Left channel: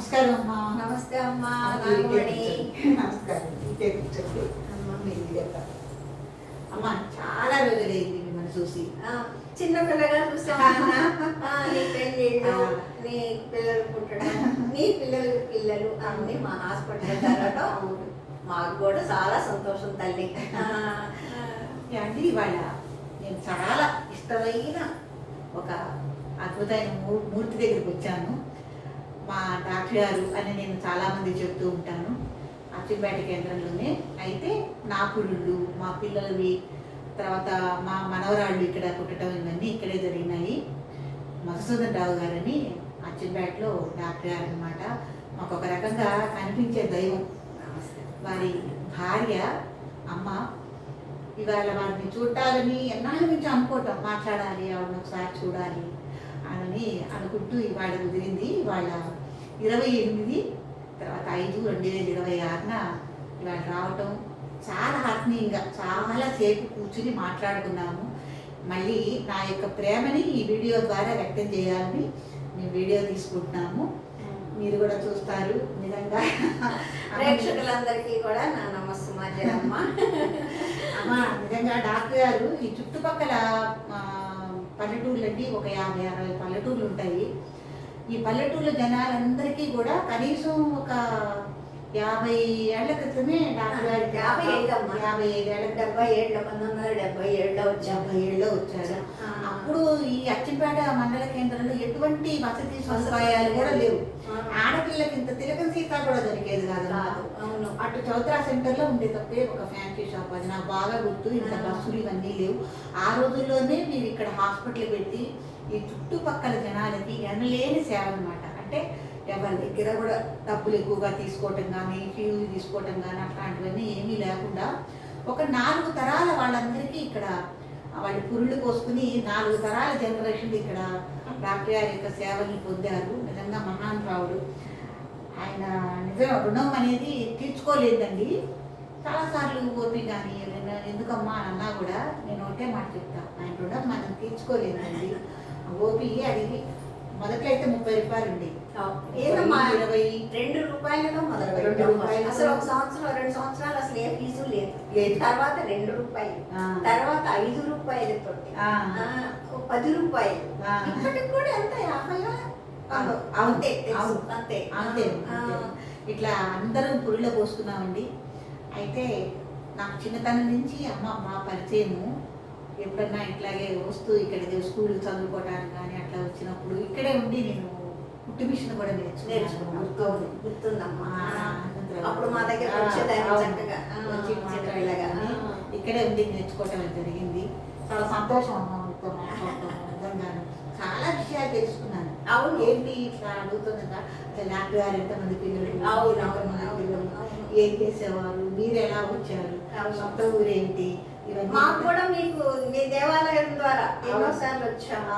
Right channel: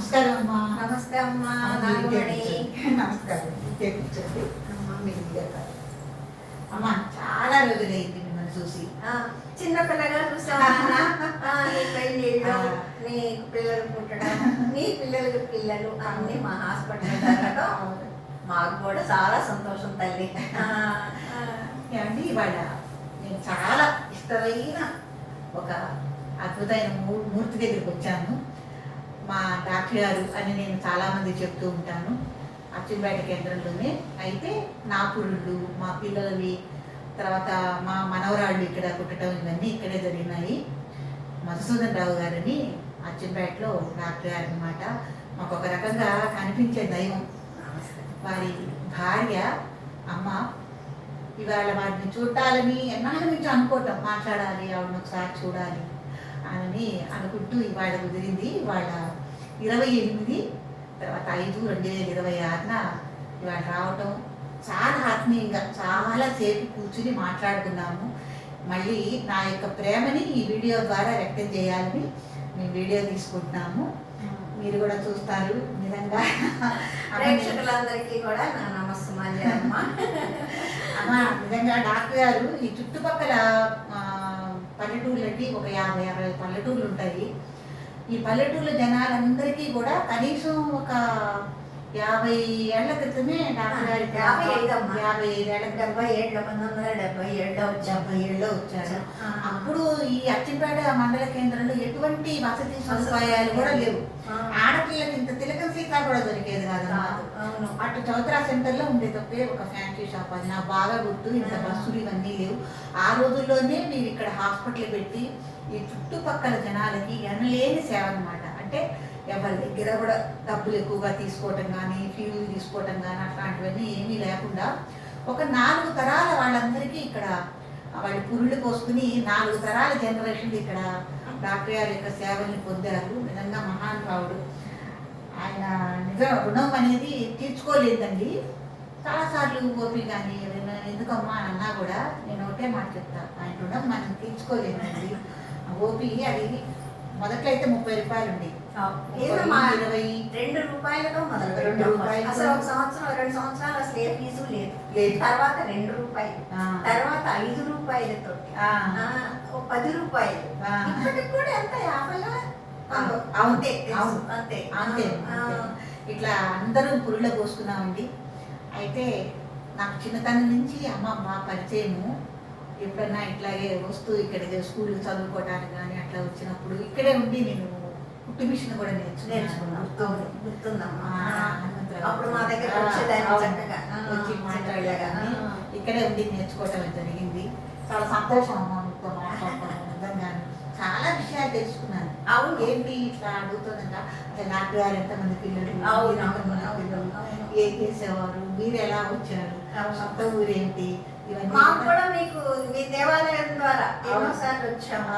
నమస్కారం అమ్మా. నమస్తే అమ్మా. నమస్కారం. కూర్చోండి అమ్మ. మీరు ఇదేస్తారు అమ్మా. చాలా రోజులైంది మిమ్మల్ని చూసి. చిన్న పిల్లగా చూసామన్నా. నీ పెళ్ళిళ్ళు, నీ పిల్లలు పుట్టడం, నీ పిల్లలకి పిల్లలు అన్ని మా హాస్పిటల్ జరగడం మాకు కూడా చాలా సంతోషం తల్లి. అండి ఇవాళ నేను చాలా ఇష్టమైన ఒక అద్భుతమైన మూర్తి దగ్గరికి వచ్చాను. మా డాక్టర్ గారు అని నేను చాలామంది చెప్తూ ఉంటాను అచ్చింపేట కేంద్రంలోనే. అయితే నా పురుళ్ళు, మా పిల్లలవి, తర్వాత మా మనవరాళ్ళు ఇక్కడ పుట్టడం ఇవన్నీ ఇక్కడే జరిగినాయి. మధుసూదన్ రావు గారని అచ్చింపేటలో డాక్టర్ గారు అనమాట. మాకు ఒక రకంగా కనిపించే దైవం. వారి భార్య అమ్మ ఇవాళ వారిని చూడాలని ఎన్నాళ్ళ నుంచి అనుకోవటం, మాట్లాడాలి, ఆవిడని ఒకసారి చూడాలి అని అనుకుంటూ ఇవాళ కుదిరింది. వాళ్ళ 28 తర్వాత 5/2026 ఇవాళ రావటం చాలా ఆత్మీయంగా చాలా సేపు కూర్చుని మాట్లాడుకున్నాము. మళ్ళీ నా యొక్క ప్రేమని ఈ వీడియో ద్వారా వ్యక్తం చేయాలని మేము వీడియో తీసుకుంటున్నాము. మీరు కూడా చూస్తారు. నిజంగా ప్రేక్షకులందరికీ కూడా నా నమస్సుమాంజనమ్మ. అమ్మ నిజంగా డాక్టర్ గారు ఈ చుట్టుపక్కల పల్లెటూర్లకి ఒక 50-60 పల్లెటూర్లు ఉంటాయి. ఈ పల్లెటూర్ల జనాలందరికీ కూడా కనీసం ఒక 50 ఏళ్ల క్రితమే డాక్టర్ గారికి 55 ఏళ్ళ 1977లో వచ్చారు. అప్పుడు ఈ అచ్చింపేట మండల కేంద్రంలో ఎటువంటి వసతి సదుపాయాలు కూడా లేవు. ఆడపిల్లకి ఇంత తిలకం సీత కూడా దొరికేది కాదు. అటు చౌత్రా సెంటర్లో ఉండే తప్పే ఒక ఫ్యాన్సీ షాప్, అది నాకు బాగా గుర్తు. ఇంత బస్సులు ఇవన్నీ లేవు. ఆ రోజుల్లోనే మీరు ఇక్కడ హాస్పిటల్ పెట్టి ఈ చుట్టుపక్కల జనాలకి ఎనలేని సేవ అనమాట. అంటే ఎవరి దగ్గర కూడా డబ్బులు ఎక్కువగా తీసుకోవటం కానీ, ఫీజులు తీసుకోవటం కానీ అట్లాంటివన్నీ ఏమీ లేకుండా ఒక 4 తరాల వాళ్ళందరికీ ఇక్కడ వాళ్ళు పురుళ్ళు పోసుకుని 4 తరాల జనరేషన్లు ఇక్కడ డాక్టర్ గారి యొక్క సేవల్ని పొందారు. నిజంగా మహానుభావుడు ఆయన. నిజం రుణం అనేది తీర్చుకోలేదండి. చాలాసార్లు గోపి కానీ ఎందుకమ్మా అని అన్నా కూడా నేను ఒకటే మాట చెప్తాను, ఆయన రుణం మనం తీర్చుకోలేదండి. గోపి అది మొదట్లో అయితే 30 రూపాయలు ఉండేది. 2 రూపాయలతో మొదలు. అసలు ఒక సంవత్సరం 2 సంవత్సరాలు అసలు ఏ ఫీజు లేదు. తర్వాత 2 రూపాయలు, తర్వాత 5 రూపాయలతో 10 రూపాయలు, ఇప్పటికి కూడా ఎంత 50 అంతే అంతే అంతే. ఇట్లా అందరూ పురుళ్ళ పోసుకున్నామండి. అయితే నాకు చిన్నతనం నుంచి అమ్మ పరిచయము. ఎప్పుడన్నా ఇట్లాగే వస్తూ ఇక్కడ స్కూల్ చదువుకోవడానికి కానీ అట్లా వచ్చినప్పుడు ఇక్కడే ఉండి నేను కుట్టు మిషన్ కూడా నేర్చుకున్నాను. గుర్తుందమ్మా. అప్పుడు మా దగ్గర వచ్చి మాట్లాడలేగానే ఇక్కడే ఉండి నేర్చుకోవటం జరిగింది. చాలా సంతోషం అమ్మ మీతో మాట్లాడతాను. చాలా విషయాలు తెలుసుకున్నాను. అవును. ఏంటి ఇట్లా అడుగుతుందంట డాక్టర్ గారు ఎంతమంది పిల్లలు, ఏం చేసేవారు, మీరు ఎలా వచ్చారు, సొంత ఊరేంటి, ఇవన్నీ మాకు కూడా మీకు మీ దేవాలయం ద్వారా ఎన్నోసార్లు వచ్చాము.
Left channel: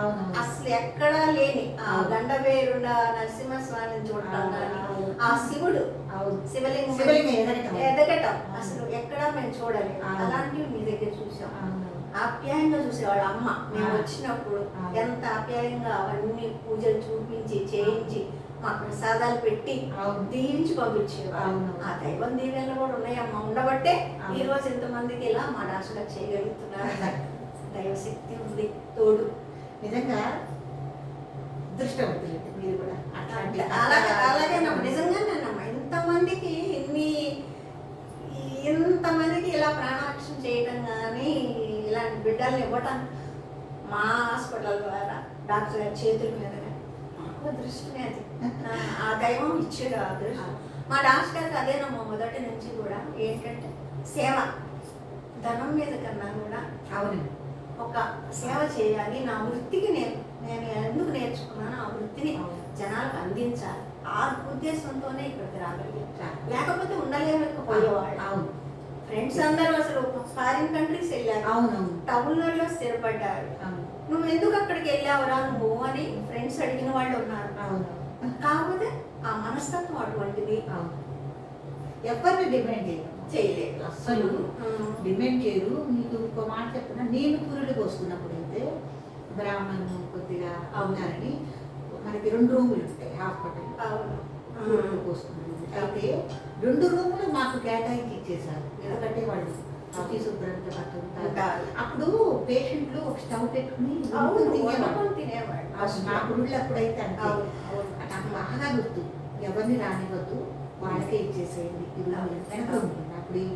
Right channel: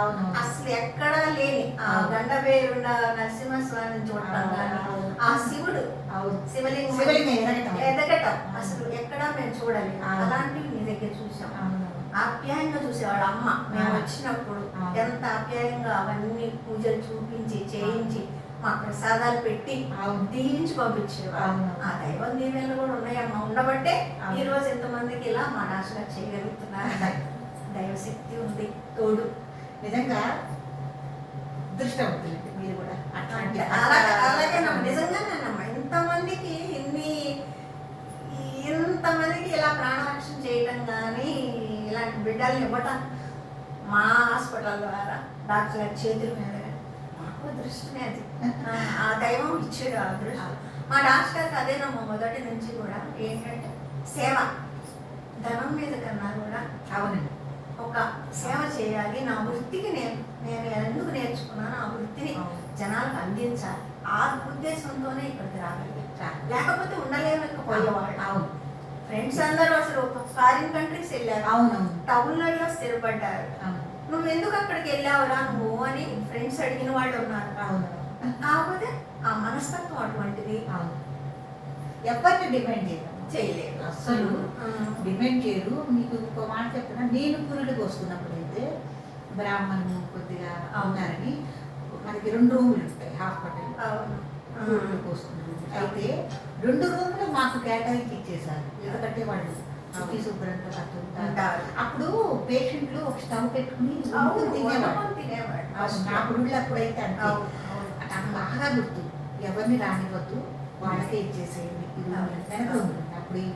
అసలు ఎక్కడా లేని గండవేరుండ నరసింహస్వామిని చూడటం కానీ, ఆ శివుడు శివలింగం ఎదగటం అసలు ఎక్కడా మేము చూడలేదు. అలాంటివి మీ దగ్గర చూసాం. ఆప్యాయంగా చూసేవాడు అమ్మ. మేము వచ్చినప్పుడు ఎంత ఆప్యాయంగా అవన్నీ పూజలు చూపించి చేయించి మా ప్రసాదాలు పెట్టి దీవించి పంపించేవాడు. ఆ దైవం దీవెనలు కూడా ఉన్నాయమ్మా. ఉండబట్టే ఈ రోజు ఎంతమందికి ఇలా మా డాక్టర్ చేయగలుగుతున్నారు. దైవశక్తి ఉంది తోడు. నిజంగా అదృష్టవంతులండి మీరు కూడా. అలాగే నిజంగానేనమ్మా. ఇంతమందికి ఇలా ప్రాణరక్షణ చేయటం కానీ, ఇలాంటి బిడ్డల్ని ఇవ్వటం మా హాస్పిటల్ ద్వారా డాక్టర్ గారి చేతుల మీద మాకు అదృష్టమే. అది ఆ దైవం ఇచ్చాడు ఆ అదృష్టం. మా డాక్టర్ గారికి అదేనమ్మా మొదటి నుంచి కూడా ఏంటంటే సేవ. ధనం మీద కన్నా కూడా అవునండి ఒక సేవ చేయాలి. నా వృత్తికి నేను ఎందుకు నేర్చుకున్నాను, ఆ వృత్తిని జనాలకు అందించాలి. ఆ ఉద్దేశంతోనే ఇక్కడికి రాగలిగాను. లేకపోతే ఉండలేకపోయేవాళ్ళు. అవును. ఫ్రెండ్స్ అందరూ అసలు ఫారిన్ కంట్రీస్ వెళ్ళారు. అవును. టౌన్లలో స్థిరపడ్డారు. నువ్వు ఎందుకు అక్కడికి వెళ్ళావురా నువ్వు అని ఫ్రెండ్స్ అడిగిన వాళ్ళు ఉన్నారు. కాకపోతే ఆ మనస్తత్వం అటువంటిది. ఎవరిని డిపెండ్ చేయలేదు, అస్సలు డిపెండ్ చేయరు. మీకు ఒక మాట చెప్తున్నా, నేను పురుడికి వస్తున్నప్పుడు అయితే బ్రాహ్మణులు కొద్దిగా ఉన్నారని మనకి 2 రూములు ఉంటాయి హాస్పిటల్. పురుళ్ళు పోసుకున్నాను. అయితే 2 రూములు మాకు కేటాయించి ఇచ్చేసారు. ఎందుకంటే వాళ్ళు శుచి శుభ్రంగా కట్టుకుంటారు. అప్పుడు పేషెంట్లు ఒక స్టవ్ పెట్టుకుని తినేవాడు. నా పురుళ్ళు అప్పుడైతే అంతే. నాకు బాగా గుర్తు, ఎవరిని రానివ్వద్దు, వాళ్ళకే ఇచ్చేసేయండి ఈ రూములు వెనక ఉంటుంది. అప్పుడు ఈ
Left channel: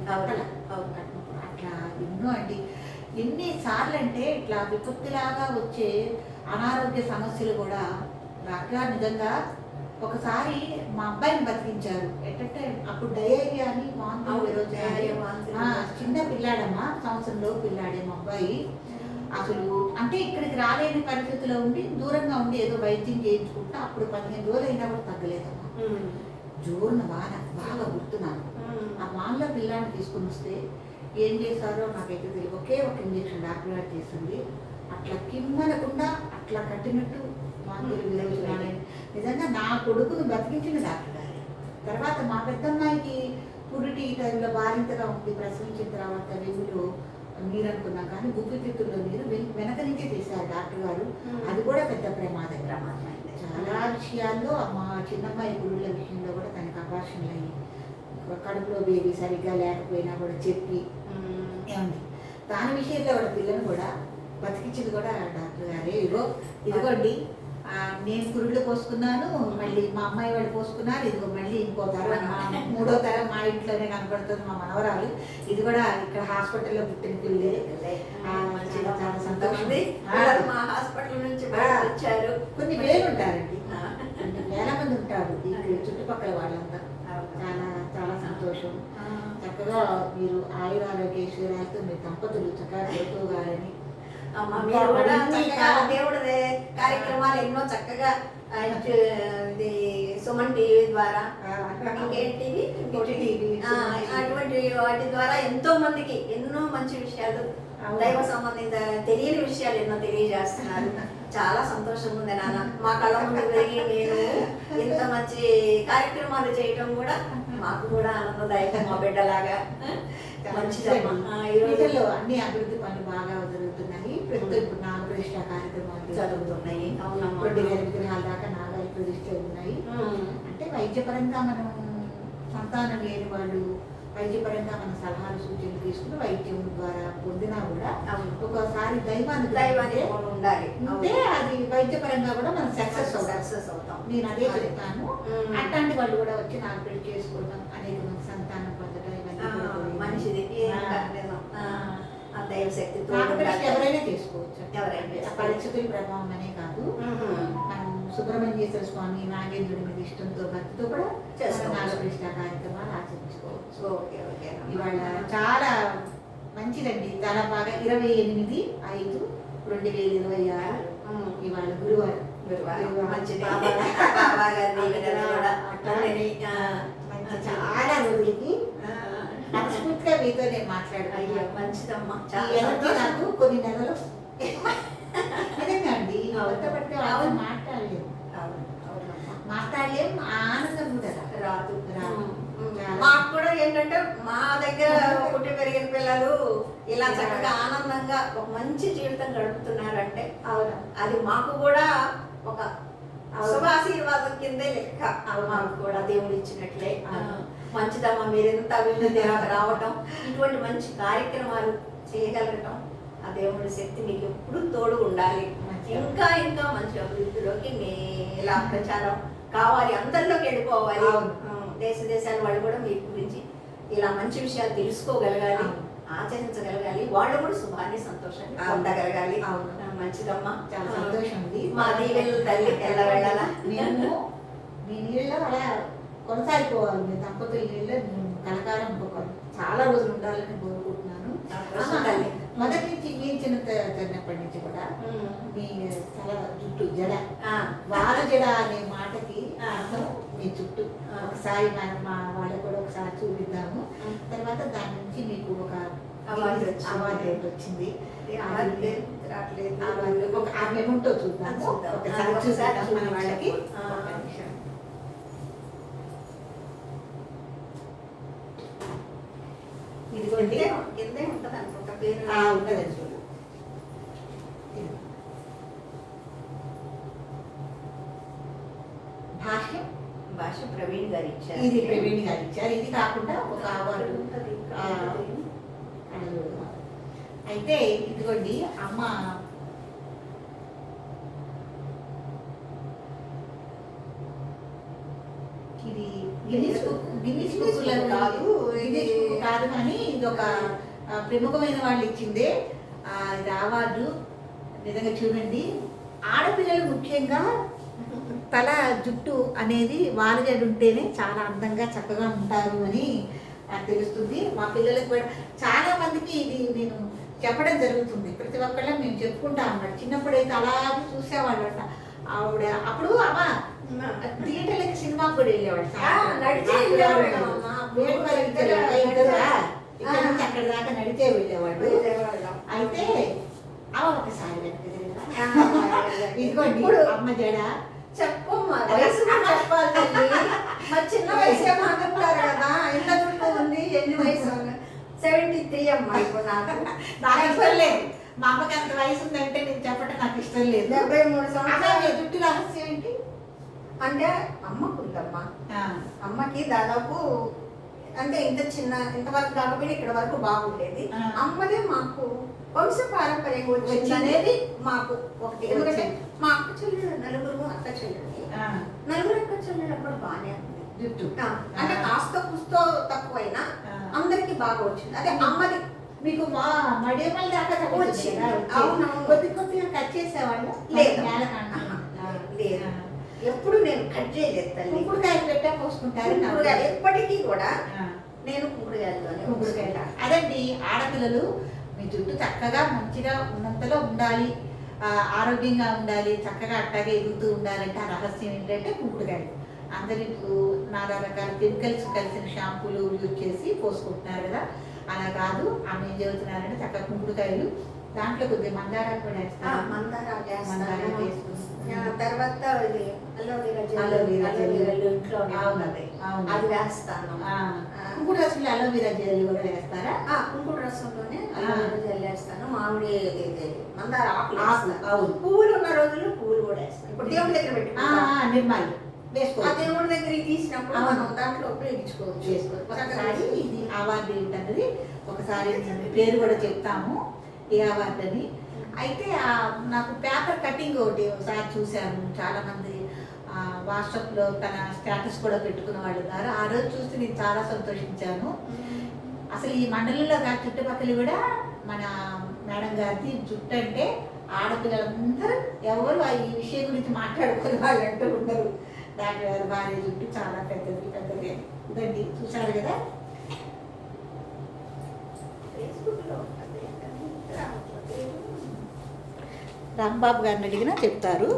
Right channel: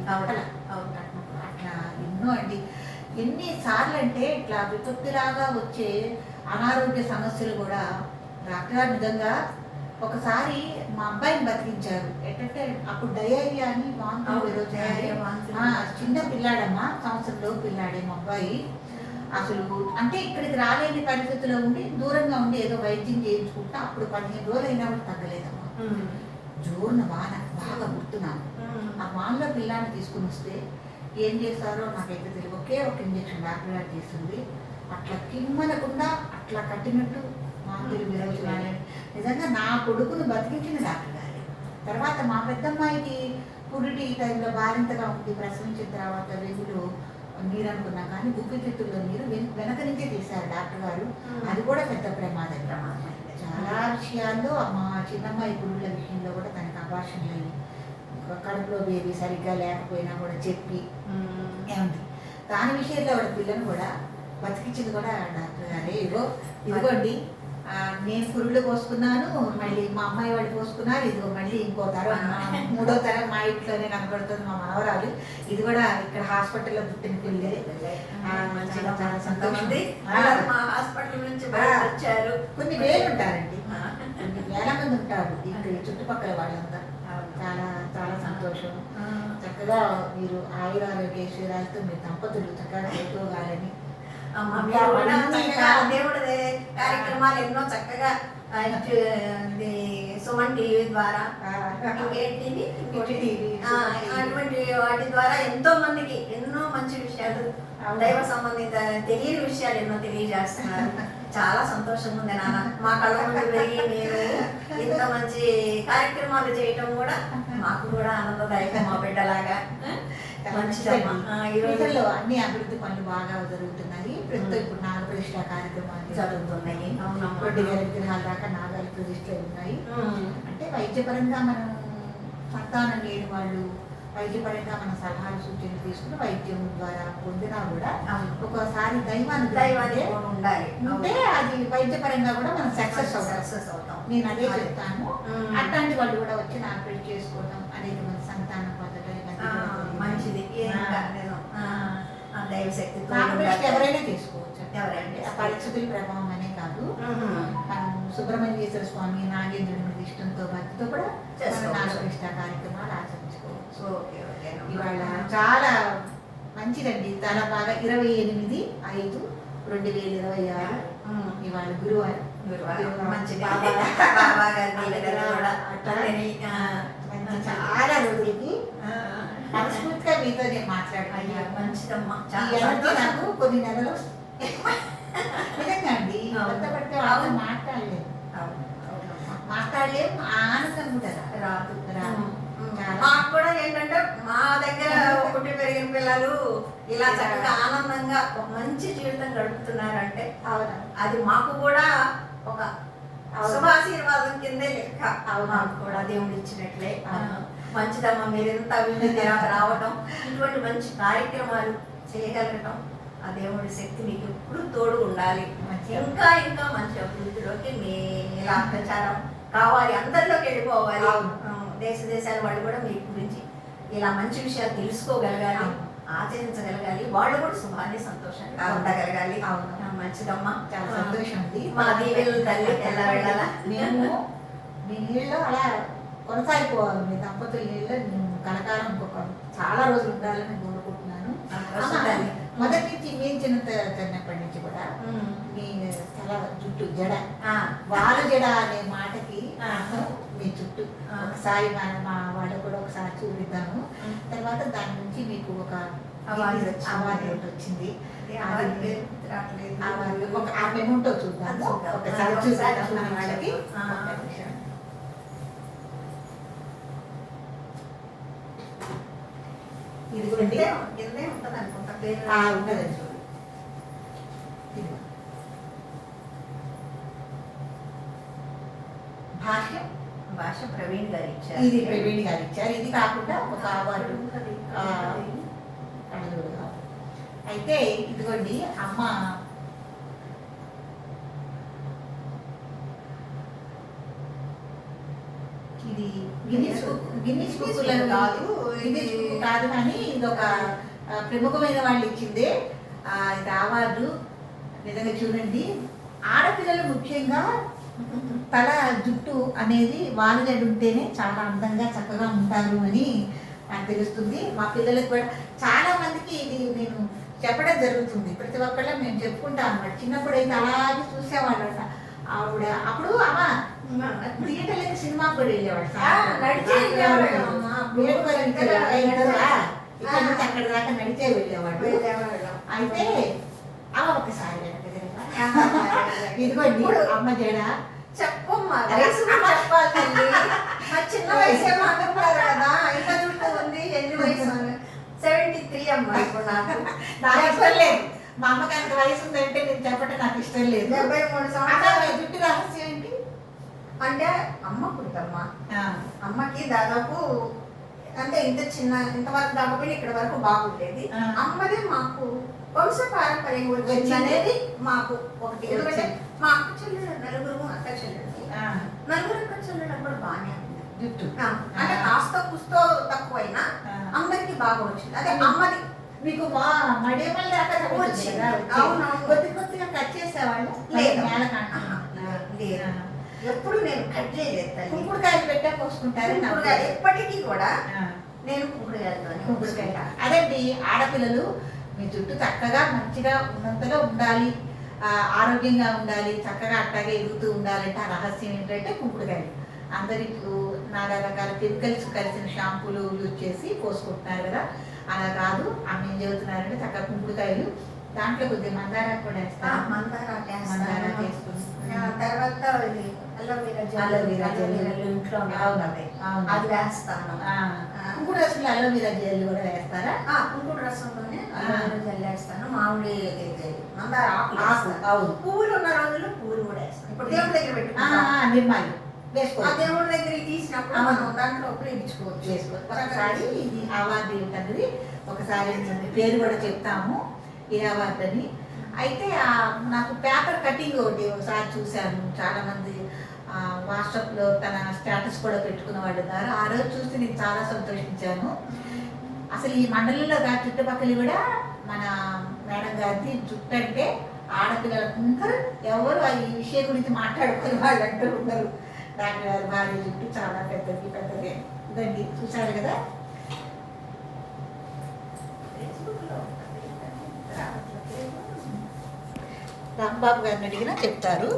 అట్లా ఎన్నో అండి. ఎన్నిసార్లు అంటే ఇట్లా విపత్తులాగా వచ్చే అనారోగ్య సమస్యలు కూడా డాక్టర్ గారు నిజంగా ఒకసారి మా అబ్బాయిని బతికించారు. ఏంటంటే అప్పుడు డయేరియా అని చిన్న పిల్లాడమ్మా, సంవత్సరంలో పిల్లాడే మా అబ్బాయి. అసలు అంటే ఇక్కడికి రాలేని పరిస్థితిలో ఉండి దూరంగా ఉండి ఏదో వైద్యం చేయించుకుంటే అప్పుడు 15 రోజులు అయినా కూడా తగ్గలేదమ్మా. జోరున వాన బాగా గుర్తున్నాను. ఆ వానలో పిల్లాన్ని తీసుకుని వస్తే ఏం చేస్తారో నాకైతే తెలియదు. ఒకే ఒక ఇంజక్షన్ డాక్టర్ గారు చేసింది. అట్లా కిమ్మనకుండా అట్లా కట్టినట్టు నాకు తెలియదు. నిజంగా నా కొడుకును బతికించిన డాక్టర్ గారు. తర్వాత మా పెద్దమ్మాయికి పురిటి టైంలో బాలింతగా ఉండి ప్రసవించిన తర్వాత వెన్నులో నీరు అనుకున్నాం, కానీ ఊపిరితిత్తుల్లో నీరు వెనక నుంచే తీశారు డాక్టర్ గారు. అది కూడా పెద్ద ప్రమాదం. చాలా విషయాల్లో మా చిన్నమ్మాయి పురుళ్ళ విషయంలో కూడా తనకు అబార్షన్లు అయ్యి కడుపులో బేబీ సరిగ్గా లేకపోయినా కూడా చెప్పి ఏమండి దాని విషయంలో వాళ్ళ పిల్లలు కూడా బతికించింది కూడా డాక్టర్ గారే. ఇదిగోండి నేను పురుళ్ళు పోసుకున్నాను, మళ్ళీ మా అమ్మాయి వాళ్ళు పోసుకున్నారు, ఇదిగో మళ్ళీ ఇంకో తరం 3వ తరం మా ఇంట్లోనే కనపడుతుంది మా మనవరాలు. ఇది కూడా ఇక్కడ హాస్పిటల్లో పుట్టిన పిల్లలే. చాలా సంతోషం. కొన్ని వేలు ఉంటారండి, కొన్ని వేల మంది ఉంటారు ఇక్కడ చుట్టుపక్కల వాళ్ళంతా. చాలా చాలా సంతోషం. చక్కగా మీరు ఆయురారోగ్యశ్వరాలతో మీ దంపతులు చక్కగా చేతూగాలని దేవుడి కార్యక్రమాలు ఎన్నో చక్కగా సుమన్ టీవీ ద్వారా అటువంటి వాటి ద్వారా ఎంతో మందికి ఎన్నో మంచి విషయాలు, దైవ సంబంధిత తెలియని విషయాలు ఎన్నో తెలియజేస్తున్నారు. చాలా సంతోషంగా ఉంది నాన్న. మా కళ్ళ ముందు పెరిగి నేను ఇంత మంచి కార్యక్రమాలు చేయటం కూడా మాకు కూడా ఆనందదాయకం. మా బిడ్డలాగా మంచిదమ్మా. ఈరోజుల్లో అన్ని అభివృద్ధి పనులు బాగా జరుగుతున్నాయి. ప్రస్తుతం ఇప్పుడు నాగప్రతిష్ఠ కార్యక్రమాలు జరుగుతున్నాయి. 2000 విగ్రహాల దాకా నాగాల ప్రతిష్టలు ఉన్నాయి. అంటే వైద్యపరంగా మనం సంతానం లేని వాళ్ళు వైద్యపరంగా మన సలహాలు సూచనలు తీసుకుని వైద్యం ద్వారా పొందినా కూడా ఒకసారి దైవాన్ని ఉండాలి. అంటే అది వైద్యపరంగా కూడా మనం సక్సెస్ అవుతాం. నేను అదే చెప్తాను. అట్లాంటి వాళ్ళు కూడా వచ్చి నాగప్రతిష్ఠ చేసుకోవడం అనేది మన సంతానం పొందడం మంచిది. దైవశక్తి ఎవరైనా చేసుకోవచ్చు. పరిస్థితుల ప్రభావం అనే కాదు, మనం సుబ్రహ్మణ్యేశ్వర స్వామి నాగేంద్రుడి మీద ఇష్టంతో భక్తితో కూడా నాగప్రతిష్ఠ కార్యక్రమాలు ఆచరించుకోవచ్చు. ఇవాళ చాలా మంచిదండి. చాలా బాగా 28/5/2026 ఇవాళ గురువారం. చాలా రోజులకి మనస్ఫూర్తిగా మీతో నేను మాట్లాడుతున్నా. మంచిదమ్మా. నాకు కొన్ని నెలలు నిజంగా అండి పడితే మాట్లాడలేము. ఆనందం కూడా రాదు. మాకు కూడా ఏంటంటే మా దగ్గర పుట్టి పెరిగిన పిల్లలు ఇలా చక్కగా ఆనందంగా ఒక మంచి జీవితం గడుపుతున్నారంటే అది మాకు కూడా ఒక శుభాశీర్వాదం కిందే లెక్క. మాకు కూడా దేవుడు ఇచ్చినట్లే. మంచిదమ్మా, మీరు ఎంత అభివృద్ధి రావటం, ఇటువంటి మంచి కార్యక్రమాలు చేయగలగటం, ఆ దేవుడి శక్తి మీకు ఎప్పుడు తోడు ఉండాలి. ఇంకా ఇంకా మంచి అభివృద్ధిలోకి మీ ఇలా ప్రచారం కావాలి, అందరిలోకి వెళ్ళిపోవాలి. దేశ దేశాల వాళ్ళు కూడా మీ గురించి ఇలా మంచి విషయాలు తెలుసుకోగలగాలి, ఆచరించగలగాలి. వాళ్ళు కూడా శుభాన్ని సంతోషాన్ని ఉండగలగాలి. మంచిదమ్మా, చాలా సంతోషం అండి. మా దీవెనలు తల్లి ఎలా వెళ్ళాలా. మేము మీ నీళ్ళలో అలా కొనసాగిపోవాలి. మీ దంపతుల నీళ్ళలో నేను కలకాలం ఇంకొక చాలా రోజులు ఉండాలని కోరుకుంటున్నాను. మొదటి నుంచి మేము చిన్నప్పటి నుంచి కూడా మీ చాలా జుట్టు జడ, వాళ్ళ జడ అనే మాటకి మీ చుట్టూ ఒకసారి మనం మా వాళ్ళకు కూడా ఒకసారి చూపిద్దాము. తర్వాత దాని నుంచి మీకు ఒక అవార్డు వచ్చింది. ఆ మెమోంటో చూద్దాము ఒకసారి. చూసాను వాళ్ళకి ఇదిగోండి కిందే ఉంటుంది అనుకుంటా. ఉంటుందండి చూడు. భాష్యం భాష ప్రవీణ్ గారు ఇచ్చారు. ఇది ప్రవీణ్ గారు ఇచ్చారు. ఇది కాకుండా ఒక అవార్డు అయితే ఇదిగోండి అమ్మ ఇది గిన్నిస్ బుక్ కాదు, గిన్నిస్ బుక్ కాదు, కానీ ఇది ఒక ప్రముఖమైన వాళ్ళు ఇచ్చిందే ఇది అవార్డు. నిజంగా చూడండి, ఆడపిల్లలు ముఖ్యంగా తల జుట్టు అనేది వాలిగడి ఉంటేనే చాలా అందంగా చక్కగా ఉంటారు అని నాకు తెలుస్తుంది. మా పిల్లలకు కూడా చాలా మందికి ఇది నేను చెప్పడం జరుగుతుంది. ప్రతి ఒక్కళ్ళ మేము చెప్పుకుంటాం అన్నమాట. చిన్నప్పుడు అయితే అలాగే చూసేవాళ్ళట ఆవిడ. అప్పుడు అమ్మ థియేటర్లకి సినిమాకి కూడా వెళ్ళేవాడు. ఇక్కడ నుంచి అక్కడ దాకా నడిచే వెళ్ళేవాడు. అయితే అమ్మ ఒకసారి ఇదిగోండి అమ్మ జడ చెప్పమ్మా, చెప్పాలి తల్లి. చిన్న వయసు అనుకుంటారు కదా, ఎంత చుట్టూ ఉంది, ఎన్ని వయసు 73 అమ్మా. ఇప్పుడు నాకు ఇష్టం లేదు. మా అమ్మకి అంత వయసు ఉందంటే నేను చెప్పడం నాకు ఇష్టం లేదు. 73 సంవత్సరాలు. జుట్టు రహస్యం ఏంటి అంటే అమ్మకుందమ్మా, అమ్మకి దాదాపు అంటే ఇంతవరకు కాకపోయినా ఇక్కడ వరకు బాగుండేది. అమ్మదే మాకు వంశ పారంపర్యం వచ్చింది అనేది మాకు ఒకటి. ఎందుకంటే మా అక్క చెల్లెలు నలుగురు అక్క చెల్లెలు, నలుగురు అక్క చెల్లెలు అప్పుడు బాగానే ఉంది జుట్టు. అంటే కాస్త కుస్తో తక్కువైనా అందరికి బాగా వచ్చింది. అదే అమ్మది మీకు మడియమల్ దాకా వచ్చింది. అవునవును. కొద్ది కొద్దిగా కట్ చేసేవాళ్ళు లేదు, లేదు. ఎప్పుడు నేను కట్ చేయలేదు తల్లి. కుంకుడుకాయలు పెట్టా పోసుకుంటారు ఎప్పటికీ కూడా నేను కుంకుడుకాయలు. అదండి, ఆడపిల్లలు మీ జుట్టు చక్కగా మంచిగా ఉన్నంతలో ఉండాలి, ఆరోగ్యంగా ఉండాలి, చక్కగా అట్టాగే ఎదుగుతూ ఉండాలంటే ఆ రహస్యం ఏంటంటే కుంకుడుకాయలు. అందరికి నానా రకాల కెమికల్స్ కలిసిన షాంపూలు యూజ్ చేసి పోసుకుంటున్నారు కదా, అలా కాదు. ఆమె ఏం చెబుతున్నారంటే చక్కగా కుంకుడుకాయలు, దాంట్లో కొద్దిగా మందారా కూడా వేస్తారు. మందారా వేసుకుని తర్వాత ఇంట్లో అది వేస్తాను. కుంకుడు రసంలో అలోవెరా జెల్ కూడా వేస్తారా? కుంకుడు రసంలోనే అలోవెరా జెల్ వేస్తాను. మామిడి మందార ఆకులు. అవును, పువ్వులు ఉన్న రోజులు పువ్వులు కూడా వేస్తాను. ఇప్పుడు దేవుడి దగ్గర పెట్టుకుంటాను. నిర్మాలు ఆ దేవుడి దగ్గర తీసినప్పుడు మనం దాంట్లో ఉపయోగించుకోవచ్చు. ఒకసారి ఇది అవార్డు ఏంటన్నది ఒకసారి పేరు కూడా చెప్తాము, ఏ అవార్డు అని. అయితే నాకు పేపర్ కటింగ్ ఒకసారి చూశాను. చాలా మంది వాట్సాప్లో తన స్టేటస్ కూడా పెట్టుకున్న వాళ్ళు ఉన్నారు. ఆ రోజు చూసి నేను చాలా సంతోషించాను. అసలు ఈ మండలంలో చుట్టుపక్కల కూడా మన మేడం గారిది జుట్టు అంటే ఆడపిల్లలందరూ ఎవరు ఈ విషయం గురించి మాట్లాడుకునే వాళ్ళు అంటూ ఉన్నారు. డాక్టర్ గారు భార్య జుట్టు చాలా పెద్దది ఇదండి, చూశారు కదా. రాంబాబు గారిని అడిగినా చెప్తారు.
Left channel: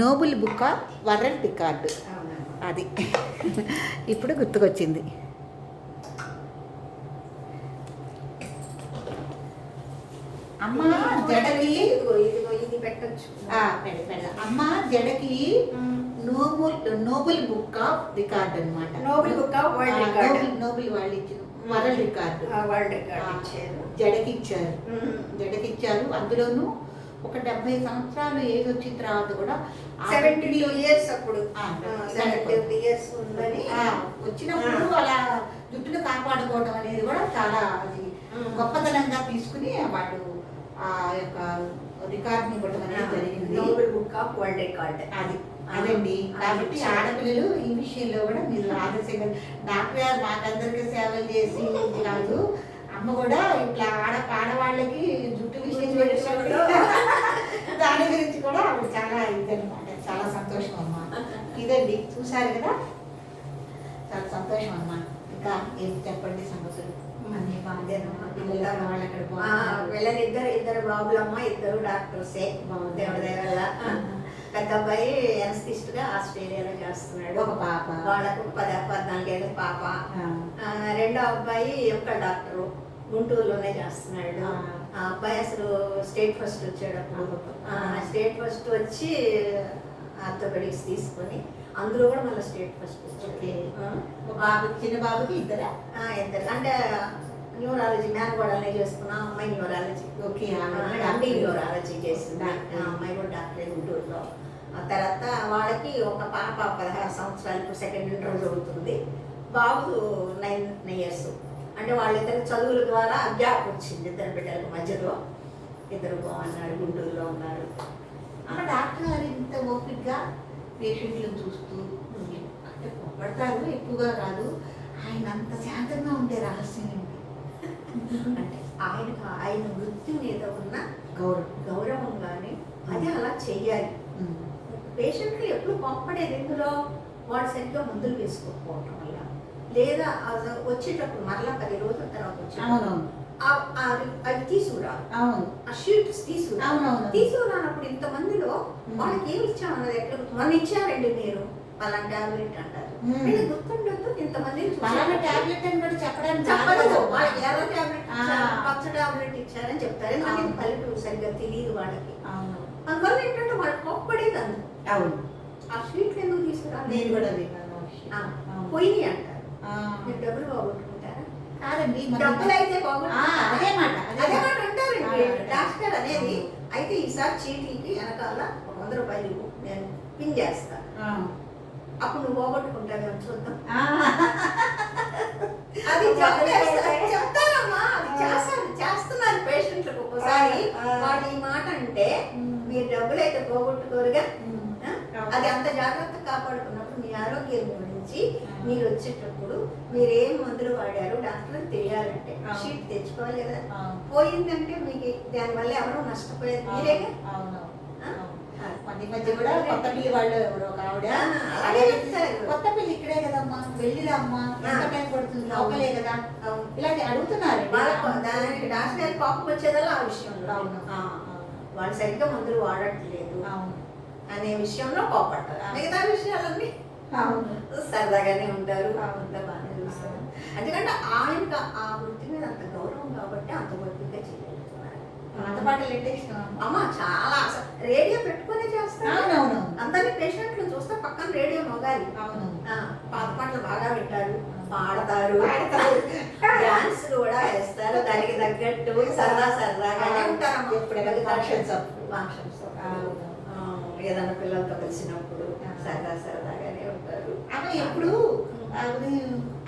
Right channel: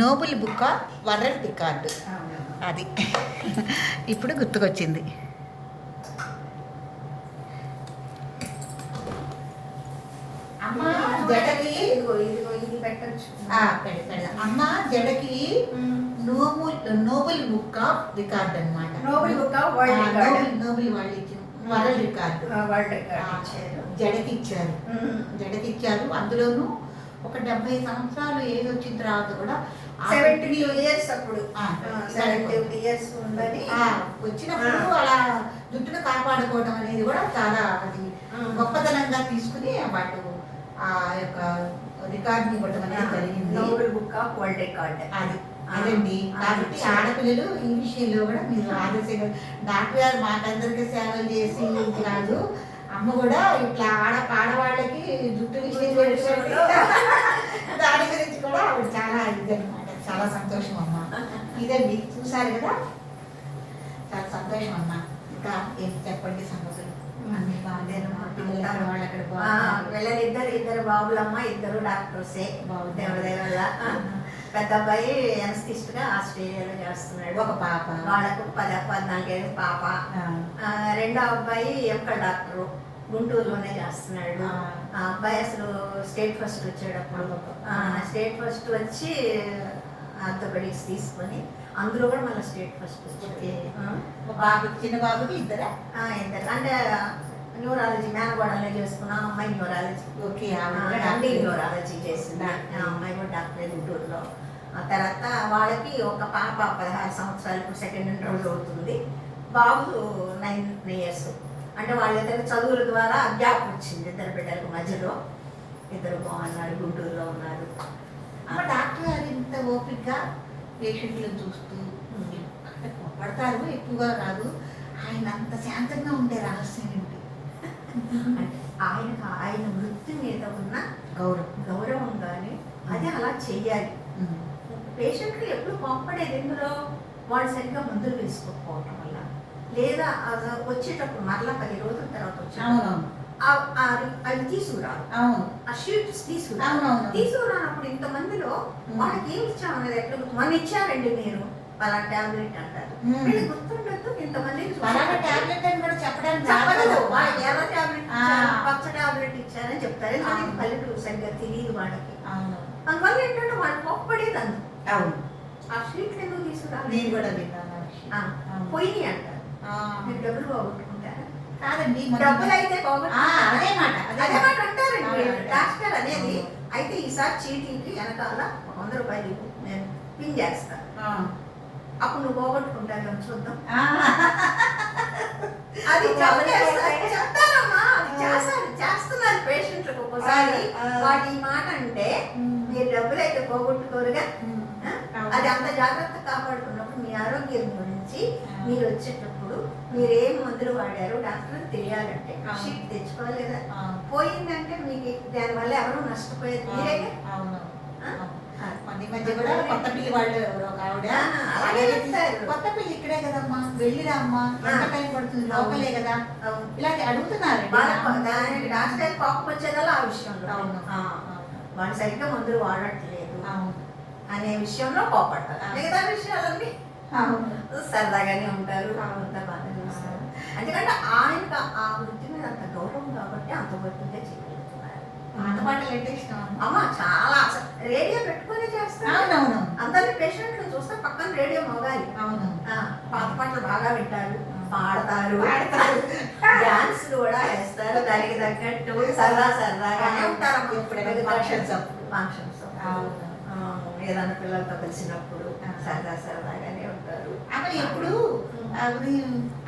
Noble book of world record అది ఇప్పుడు గుర్తుకొచ్చింది. అమ్మ జడకి ఇది పెట్టచ్చు. అమ్మ జడకి నోబెల్ బుక్ ఆఫ్ రికార్డ్ అన్నమాట. Nobel book of world record. Nobel వాళ్ళు ఇచ్చిన వరల్డ్ రికార్డు జడకి ఇచ్చారు. అందులోనూ ఒక 70 సంవత్సరాలు ఏజ్ వచ్చిన తర్వాత కూడా 72 years అప్పుడు 72 years ఉందని వచ్చినప్పుడు అలా జుట్టును కాపాడుకోవడం అనేది కూడా చాలా అది గొప్పతనంగా తీసుకుని వాళ్ళు ఆ యొక్క రికార్డుని ఇవ్వడం అనేది జరిగింది. Nobel book of world record అదండి. కాబట్టి ఆడపిల్లలు ఈ విషయంలో కూడా మీరు ఆదర్శంగా, డాక్టర్ గారు మాకందరికీ సేవలు చేసి కాదు, అమ్మ కూడా ఇట్లా ఆడవాళ్ళకి జుట్టు విషయం దాని గురించి కూడా ఆవిడ చాలా ఇదనమాట. చాలా సంతోషం అమ్మ. ఇదండి, చూసారు కదా, చాలా సంతోషం అమ్మ. ఇంకా ఏం చెప్పండి సంగతులు? ఇద్దరు బాబులమ్మ, ఇద్దరు డాక్టర్సే. దేవుడి వల్ల పెద్ద అబ్బాయి ఎనస్థిస్ట్ గా ఆస్ట్రేలియాలో చేస్తున్నాడు. ఒక పాప, వాళ్ళకు 14 ఏళ్ళ పాప. రెండో అబ్బాయి యొక్క డాక్టరు గుంటూరులోనే చేస్తున్నాడు. ఆ అబ్బాయి అసలు స్టేట్ ఫస్ట్ వచ్చాడు. అప్పుడు స్టేట్ ఫస్ట్ వచ్చి ఆర్థోపెడిక్స్ తీసుకొని అందులో కూడా మళ్ళీ స్టేట్ ఫస్ట్ వచ్చాడు. బాబు, చిన్న బాబుకి ఇద్దరు అంటే న్యూరాలజీ మేనగోడనే చేసుకున్నా, అమ్మాయి న్యూరాలజీ. ఓకే. ఎండి న్యూరాలజీ చేసింది. అమ్మాయి కూడా డాక్టరే గుంటూరులో. ఆ తర్వాత వాళ్ళకి ఒక పాప 16 సంవత్సరాలు, ఇప్పుడు సెకండ్ ఇంటర్ చదువుతుంది. బాబు 9 years. అంటే వాళ్ళిద్దరు చదువుల ద్వారా గ్యాప్ వచ్చింది ఇద్దరు బిడ్డలకు మధ్యలో. ఇద్దరు బాగున్నారు, గుంటూరులో ఉన్నారు. అమ్మ డాక్టర్ గారు ఇంత ఓపికగా పేషెంట్లను చూస్తూ అంటే కొప్పడతారు, ఎక్కువగా కాదు. ఆయన అంత శాంతంగా ఉండే రహస్యం ఏంటి? అంటే ఆయన వృత్తి మీద ఉన్న గౌరవంగానే అది అలా చెయ్యాలి. పేషెంట్లు ఎప్పుడు కోప్పడేది ఎందులో? వాళ్ళు సరిగ్గా మందులు వేసుకోకపోవటం వల్ల, లేదా వచ్చేటప్పుడు మరలా 10 రోజుల తర్వాత అవునవును. అవి తీసుకురావు. అవును. ఆ షీట్స్ తీసుకురానప్పుడు ఇంతమందిలో వాళ్ళకి ఏమి ఇచ్చామన్నది ఎట్లా గుర్తు? మొన్న ఇచ్చారండి మీరు అలా టాబ్లెట్ అంటారు. వీళ్ళకి గుర్తుండదు ఇంతమంది టాబ్లెట్ అని కూడా చెప్పడానికి చెప్పలేదు. వాళ్ళకి ఎర్ర టాబ్లెట్ ఇచ్చారు, పచ్చ టాబ్లెట్ ఇచ్చారని చెప్తారు. ఎందుకంటే పల్లెటూరు సరిగ్గా తెలియదు వాళ్ళకి. అందువల్ల ఏంటంటే వాళ్ళు కోప్పడేది అందు. అవును. ఆ షీట్లు ఎందుకు తీసుకురాలి? నేను కూడా పోయి అంటారు. మీరు డబ్బులు పోగొట్టుకుంటారా? కాదండి, డబ్బులు అయితే అదే మాట అంటారండి డాక్టర్ అనేది. అయితే ఈసారి చీటీకి వెనకాల 100 రూపాయలు నేను పిన్ చేస్తాను, అప్పుడు నువ్వు పోగొట్టుకుంటాను చూద్దాం. అది చెప్తారమ్మా, చేస్తున్నారు పేషెంట్లకు. ఒక్కోసారి వాడు ఈ మాట అంటే మీరు డబ్బులు అయితే పోగొట్టుకోరుగా, అది అంత జాగ్రత్త కాపాడుకున్నప్పుడు మీ ఆరోగ్యం గురించి మీరు వచ్చేటప్పుడు మీరు ఏం మందులు వాడారో డాక్టర్ తెలియాలంటే షీట్ తెచ్చుకోవాలి కదా. పోయిందంటే మీకు దానివల్ల ఎవరు నష్టపోయేది మీరేగా. మధ్య కూడా కొత్త పిల్లి వాళ్ళు ఒక ఆవిడ కొత్త పిల్లి ఇక్కడే కదమ్మా, వెళ్ళిరా అమ్మా, ఎంత టైం పడుతుంది, లోకలే కదా, ఇలాగే అడుగుతున్నారు. డాక్టర్ కోపం వచ్చేదల్లా ఆ విషయంలో వాళ్ళు సరిగ్గా మందులు వాడట్లేదు అనే విషయంలో కోపడతారు. మిగతా విషయాలన్నీ సరదాగానే ఉంటారు, అంతా బాగానే చూస్తారు. ఎందుకంటే ఆయనకు ఆ వృత్తి మీద అంత గౌరవం కాబట్టి అంత వృత్తిగా చేయగలుగుతున్నారు. పాత పాటలు అంటే ఇష్టం అమ్మ, చాలా రేడియో పెట్టుకునే చేస్తారు. అందరి పేషెంట్లు చూస్తే పక్కన రేడియో మోగాలి. పాత పాటలు బాగా వింటారు, పాడతారు, డాన్స్ కూడా వేస్తారు. దానికి తగ్గట్టు సరదాగానే ఉంటారు. ఎప్పుడైనా ఫంక్షన్స్ ఏదైనా పిల్లలతో కలిసినప్పుడు సరదాగానే ఉంటారు. అక్కడ ఎప్పుడు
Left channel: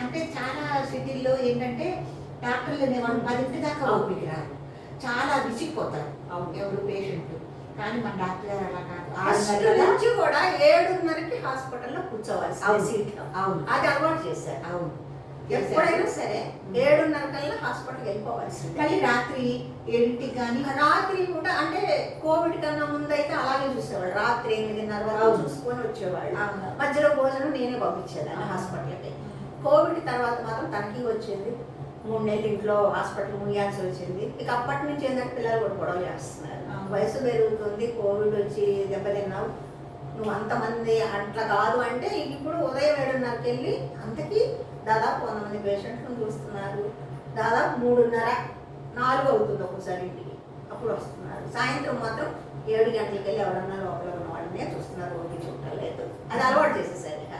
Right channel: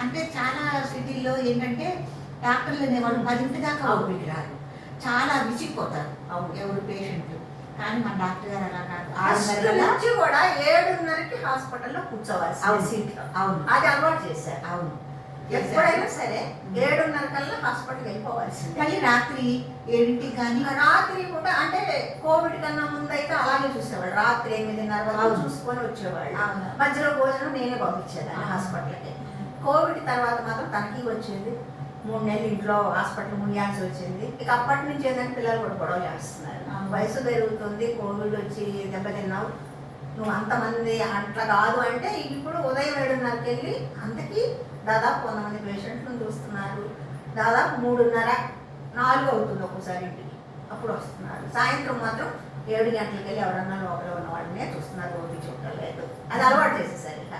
అంటే చాలా సిటీల్లో ఏంటంటే డాక్టర్లు అనేవాళ్ళు 10 దాకా ఓపిక రాదు, చాలా విసిగిపోతారు ఎవరు పేషెంట్లు. కానీ మన డాక్టర్ గారు అలా కాదు, 6 నుంచి కూడా 7:30కి హాస్పిటల్లో కూర్చోవాలి సీట్లో. అది అలవాటు చేశారు. అవును, ఎప్పుడైనా సరే 7:30 కల్లా హాస్పిటల్కి వెళ్ళిపోవాల్సింది. మళ్ళీ రాత్రి 7కి కానీ రాత్రి కూడా అంటే కోవిడ్ కన్నా ముందు అయితే అలాగే చూసేవాళ్ళు. రాత్రి 8:30 వరకు చూసుకొని వచ్చేవాళ్ళు. మధ్యలో భోజనం నేనే పంపించేదాన్ని హాస్పిటల్కి. కోవిడ్ తర్వాత మాత్రం తనకి వచ్చేది. 3 నెలలు ఇంట్లో హాస్పిటల్ ముయ్యాల్సి వచ్చింది. ఇక అప్పటి నుంచి ఏంటంటే పిల్లలు కూడా గొడవ చేస్తున్నారు. వయసు పెరుగుతుంది, కోవిడ్ వచ్చి దెబ్బతిన్నావు, నువ్వు అంతమంది అట్లా కాదు అంటే ఇప్పుడు ఉదయం 7:30కి వెళ్ళి అంతకీ దాదాపు 100 మంది పేషెంట్లను చూస్తున్నారు. దాదాపు 3:30, 4 అవుతుంది ఒక్కోసారి ఇంటికి, అప్పుడు వస్తున్నారు. సాయంత్రం మాత్రం 7 గంటలకి వెళ్ళి ఎవరన్నా లోపల ఉన్న వాళ్ళనే చూస్తున్నారు, ఓపి చూడలేదు. అది అలవాటు చేసేసారు. ఇక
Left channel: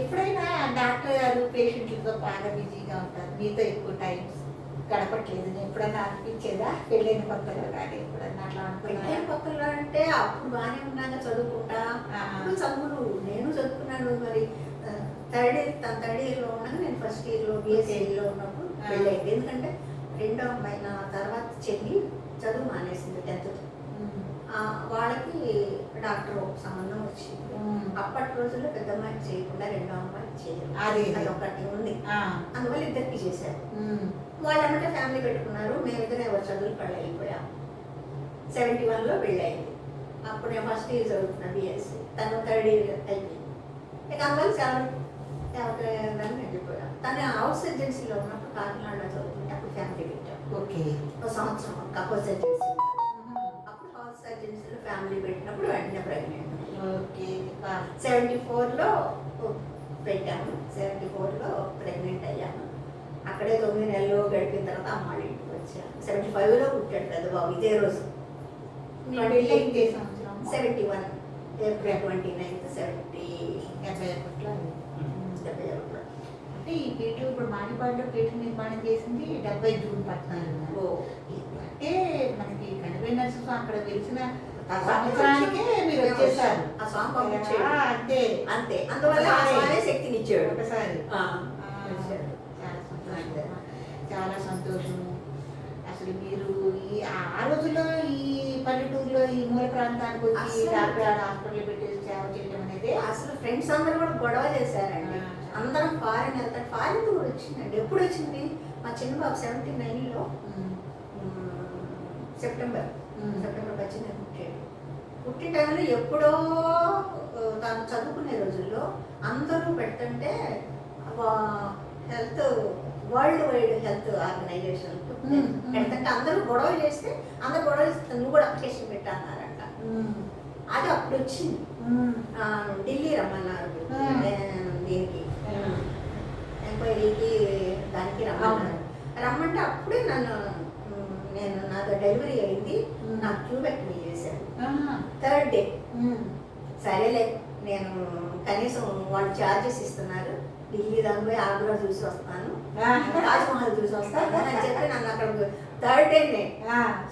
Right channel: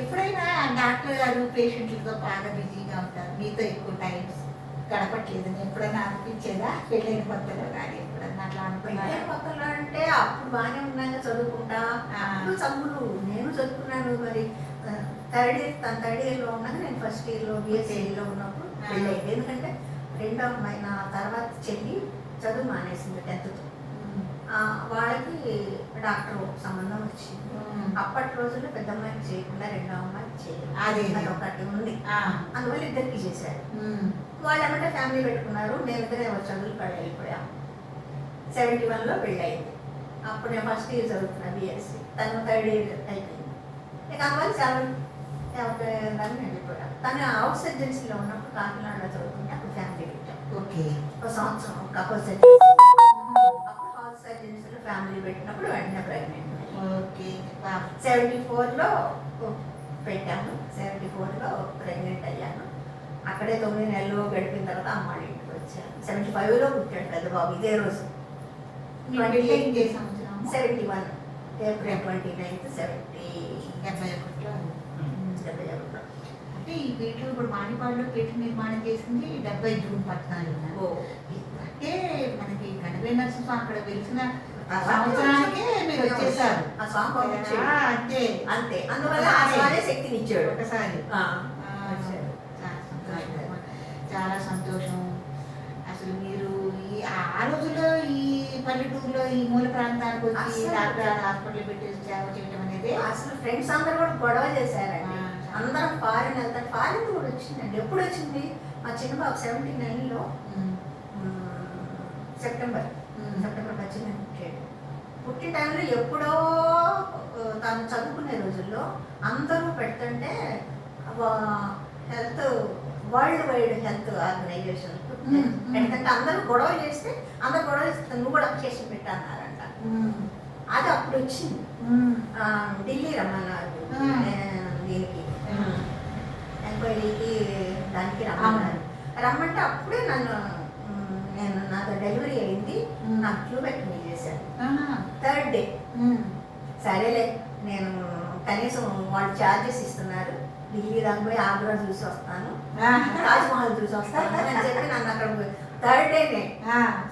ఎప్పుడైనా డాక్టర్ గారు పేషెంట్లతో బాగా బిజీగా ఉంటారు, మీతో ఎక్కువ టైం గడపట్లేదు, ఎప్పుడైనా అనిపించేదా? పెళ్ళైన కొత్తలో కానీ ఎప్పుడన్నా అట్లా అనుకున్నాను. కొత్తలో అంటే అప్పుడు బాగానే ఉన్నాక చదువుకుంటా చదువులు నేను చదువుకున్నాను. మరి థర్డ్ ఇయర్లో ఉన్నాక నేను ఫస్ట్ ఇయర్లో బిఎస్సీలో ఉన్నప్పుడు పెళ్ళైంది. ఎందుకంటే రెండో అమ్మాయి నా తర్వాత చెల్లి చదువు మానేసింది 10th. వాళ్ళకి డాక్టర్ సంబంధం వచ్చింది. అప్పటి రోజుల్లో పెద్ద అమ్మాయికి చేయకుండా రెండో అమ్మాయికి చేయాలి, అది ఒకటి ఉంది. అందువల్ల ఇద్దరికి చేశారు. వాళ్ళు ఏమంటే ఫ్యామిలీ పెట్టుకున్నారు. మేమిద్దరే చదువులు పెళ్ళి వెళ్ళిపోయాము. 71లో పెళ్ళయింది. అప్పుడు నేను ఫస్ట్ ఇయర్ చదువుతున్నా బిఎస్సీ, తను థర్డ్ ఇయర్ అయిపోయింది. ఇక అందువల్ల 7 వెళ్ళిపోయాం. తను హౌస్ ఏజెన్సీలో ఉన్నప్పుడు కాకినాడలో చదువుతుంటే అప్పుడు ఫ్యామిలీ పెట్టాం. ఓకే, ఒక సంవత్సరం హౌస్ ఏజెన్సీలో ఫ్యామిలీ పెట్టినప్పుడు వెంటనే ప్రెగ్నెంట్. ఓకే, 74లో పెట్టాము. 74లో ప్రెగ్నెంట్ అయ్యాను. అక్కడే 9 నెలలు గడిపిన తర్వాత అమ్మాయి ఇంటికి వచ్చాను. 75లో పుట్టాడు పెద్ద బాబు ఇదే రోజు. 71 April 29th 71లో. అంటే ఈ పీఠు ఇప్పుడు మాడిపాడులో పీఠ నిర్మాణం చేసింది 70 జూన్ 14. ఓ అంటే మనకి గణపతి నరసింహ అక్కడ వెలిసిన సంవత్సరానికే మీరు వచ్చేసారు. ఆ స్వామి పంపించాడు. అంతే అంతే అందువల్ల ఆ స్వామి శక్తిని ఇచ్చాడు. ఒకసారి వచ్చాడు. చాలా సంతోషం. అసలు మీరు ఆ రోజుల్లో ఈ పల్లెటూరులో ఈ మూల ప్రాంతానికి వచ్చి అసలు డాక్టర్ హాస్పిటల్ పెట్టేసి సేవ చేయడం అనేది అసలు ఫ్రెండ్స్ అందరూ కూడా గొడవ చేశారండి. అందరం ఫారిన్ వెళ్తారు. ఫారిన్ కూడా వచ్చిందండి. ఎప్పుడు వచ్చింది? మా చిన్న బాబు 79లో సెప్టెంబర్ 18 పుట్టాడు. పుట్టిన టైంలో ఎప్పుడో తాను చదువుకునే రోజుల్లో అందరూ పెడుతుంటే health world wide health organisation పెడుతుంటే అందరూ గొడవ చేస్తే అందరూ గొడవ చేస్తే నువ్వు కూడా అప్లికేషన్ పెట్టా అన్నారంట. అది అప్పుడు వచ్చింది. ఢిల్లీ రమ్మన్నారు దీనికి ఎంక్వైరీకి దానికి రమ్మన్నారు. రమ్మంటే అప్పుడే నాకు డెలివరీ అయింది. నాకు ట్యూబెక్టమీ చేశాను 3rd డే. సరేలే నేను కనీసం వాళ్ళు ఛార్జెస్ ఇస్తున్నారు, ఢిల్లీ దాకా పోయి ఆగ్రా చూసి వస్తాను, తాజ్మహల్ చూసి వస్తాను అని చెప్పి నన్ను అక్కడ 3rd డేనే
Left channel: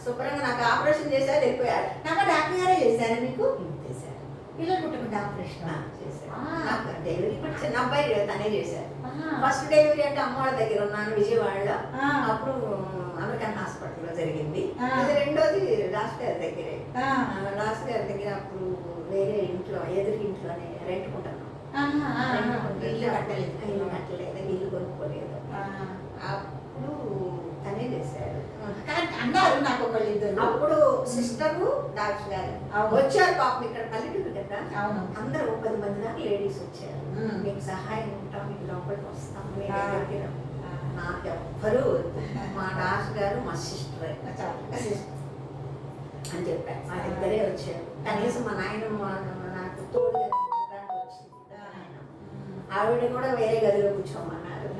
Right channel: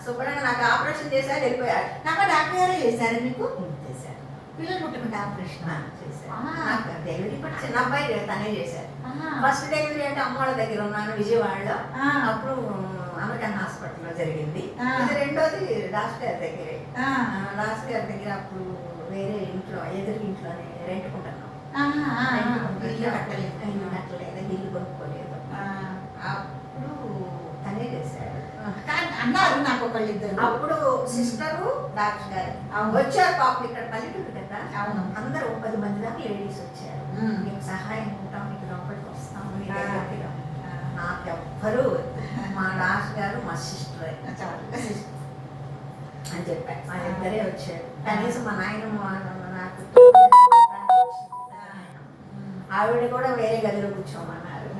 శుభ్రంగా నాకు ఆపరేషన్ చేశారు, వెళ్ళిపోయారు. నాకు డాక్టర్ గారే చేశారు. మీకు చేశారు. పిల్లలు పుట్టకుండా ఆపరేషన్ చేశారు. నాకు డెలివరీ కూడా చిన్న అబ్బాయి తనే చేశారు. ఫస్ట్ డెలివరీ అంటే అమ్మ వాళ్ళ దగ్గర ఉన్నాను విజయవాడలో. అప్పుడు అమెరికన్ హాస్పిటల్లో జరిగింది. ఇది రెండోది రాజు గారి దగ్గరే. రాజు గారి దగ్గర అప్పుడు వేరే ఇంట్లో ఎదురు ఇంట్లోనే రెంట్కుంటున్నాం. ఇల్లు కట్టలేదు, ఇల్లు కొనుక్కోలేదు. అప్పుడు తనే చేశారు. అన్నారు నాకు ఒకళ్ళిద్దరు. అప్పుడు సిస్టరు డాక్టర్ గారు వచ్చారు. పాపం ఇక్కడ పల్లెటూరు కదా, అందరూ 10 మంది దాకా లేడీస్ వచ్చారు. మీకు సహాయం ఉంటాం, మీకు లోపలికి వస్తాము, మీ దగ్గరికి రా. నాకు ఎవ్వరూ మా డాక్టర్ గారు మా సిస్టర్ అని చెప్పారు. మా ఇద్దరే వచ్చారు. కనీసం మా నాయన నాకు ఆవిడ కూడా వేరే గదిలో కూర్చోమన్నారు.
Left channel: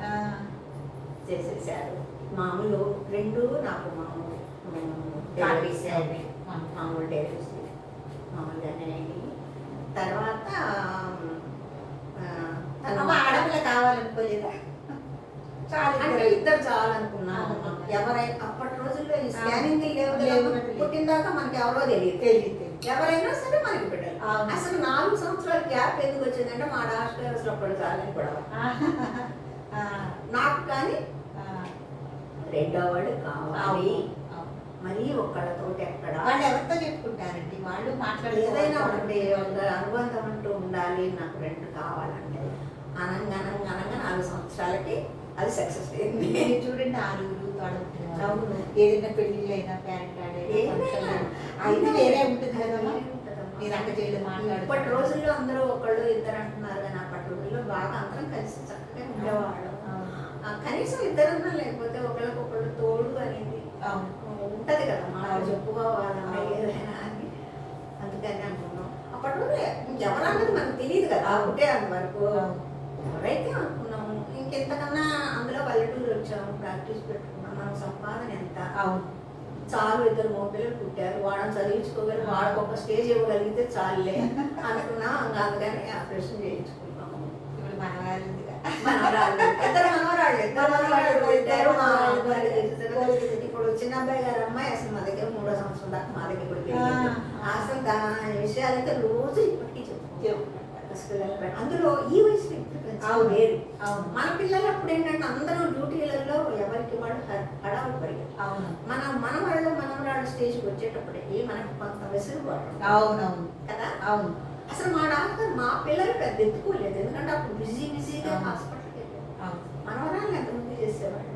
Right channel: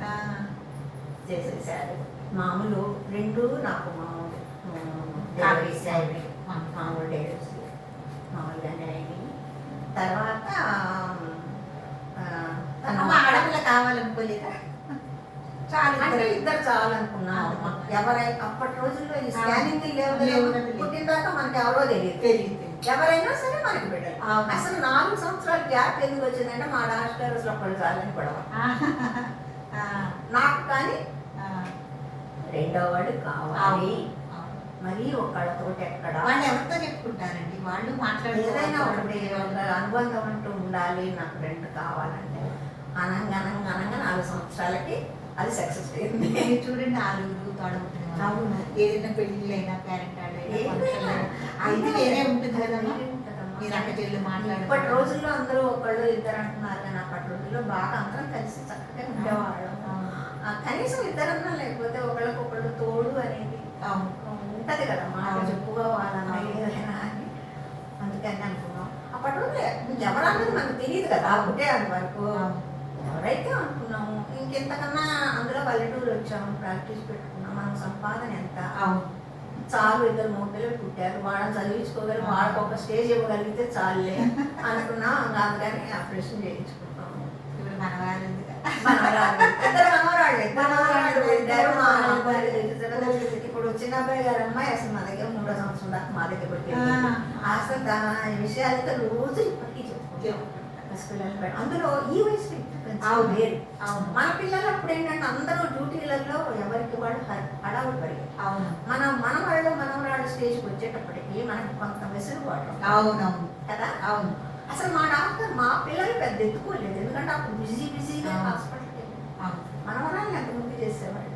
చేసేసారు. మామూలు 2 నాకు మామూలు డెలివరీస్ అయిపోయి మామూలు డెలివరీస్ మామూలుగానే అయినాయి. తర్వాత ఆడపిల్ల కావాలనుకోలేదా? చాలా అంటే ఇద్దరు చాలనుకున్నాము. ఎవరైనా అప్పటి రోజుల్లో ఈ స్కానింగ్ లేవు, పుట్టిందాకా మనకి ఎవరో తెలియదు. ఎవరైనా సరే మనకి పెట్టారు. అసలు 4 సంవత్సరాల గ్యాప్ ఎందుకు వచ్చిందంటే మా డాక్టర్ అసలు అప్పుడు చాలని గొడవ నాకు. కానీ రెండో వాడు కావాలి. మరి ఒకళ్ళతో ఎక్కడ వాళ్ళు ఎవరితో చెప్పుకుంటారండి? వాళ్ళు ఏదైనా ఉండే వాళ్ళ అనుబంధం అంటూ ఉండాలి. నాకు 2 కావాలంటే అనంగా 4 సంవత్సరాలకి అది సక్సెస్ అయింది. చూడండి, ఆరుగురు తోడబుట్టిన అవును. ఏదైనా పెళ్ళిళ్ళైనా పేరెంట్ అది వేరే ఉంటుంది కదమ్మా. మీరు అక్క చెల్లి మాట్లాడు. ఇప్పటి రోజుల్లో అందరూ ఒకళ్ళు ఇద్దరు అంటున్నారు కానీ అప్పటి రోజుల్లో బాగా అందరం కలిసి చక్కగా ఉండేవాళ్ళు. కనీసం ఇద్దరన్నా లేకపోతే ఒకళ్ళకొకళ్ళు తోడు అనేది ఉంటది కదా, మాట చెప్పుకోవాలన్నా ఏదైనా అని. అందుకని అనుకున్నాం. అప్పట్లో ఎవరన్నది మనకు తెలియదు కదా, ఒకటే అంతవరకు ఎవరైతే అనుకున్నాము. ఇంకెంతకన్నా అందులో పల్లెటూరు వచ్చాము, ప్రాక్టీస్ పెట్టుకున్నాం. మన సంపాదన ఎంత చాలు, 2 మగపిల్లలు పుట్టారు, వాళ్ళని చదివించుకోగలిగి వాళ్ళకి ఒక స్టేజ్ ఇవ్వగలిగితే చాలులే అనుకున్నాం. అందుకని ఆపరేషన్ చేయించుకున్నాము. ఇప్పుడు మనవాళ్ళు ఇప్పుడు చిన్న అబ్బాయి గారు అమ్మాయి అసలు మా దగ్గర 3వ సంవత్సరం దాకా మా దగ్గర పుట్టింది. అసలు దాని విషయాలతో రోజు ఇప్పటికీ చెప్పుకుంటాం. అందులో ఈ వయసు వేరు. మన పిల్లలు అప్పుడు ఏంటంటే అందరూ డ్యూటీలలో ఎవరికి వాళ్ళు హడావుడి పడి మన వాళ్ళు మనవరాళ్ళు స్టేజ్కి వచ్చేటప్పటికి మనకు కొంత వెసులుబాటు కదా. అసలు మా డాక్టర్ మా పిల్లలు పెద్ద ఎత్తుకోలేదు, ఎందుకంటే అప్పుడు బిజీగా హాస్పిటల్కి వెళ్ళారు. మనవరాళ్ళు ఎంత ముందు చేసేవాళ్ళు.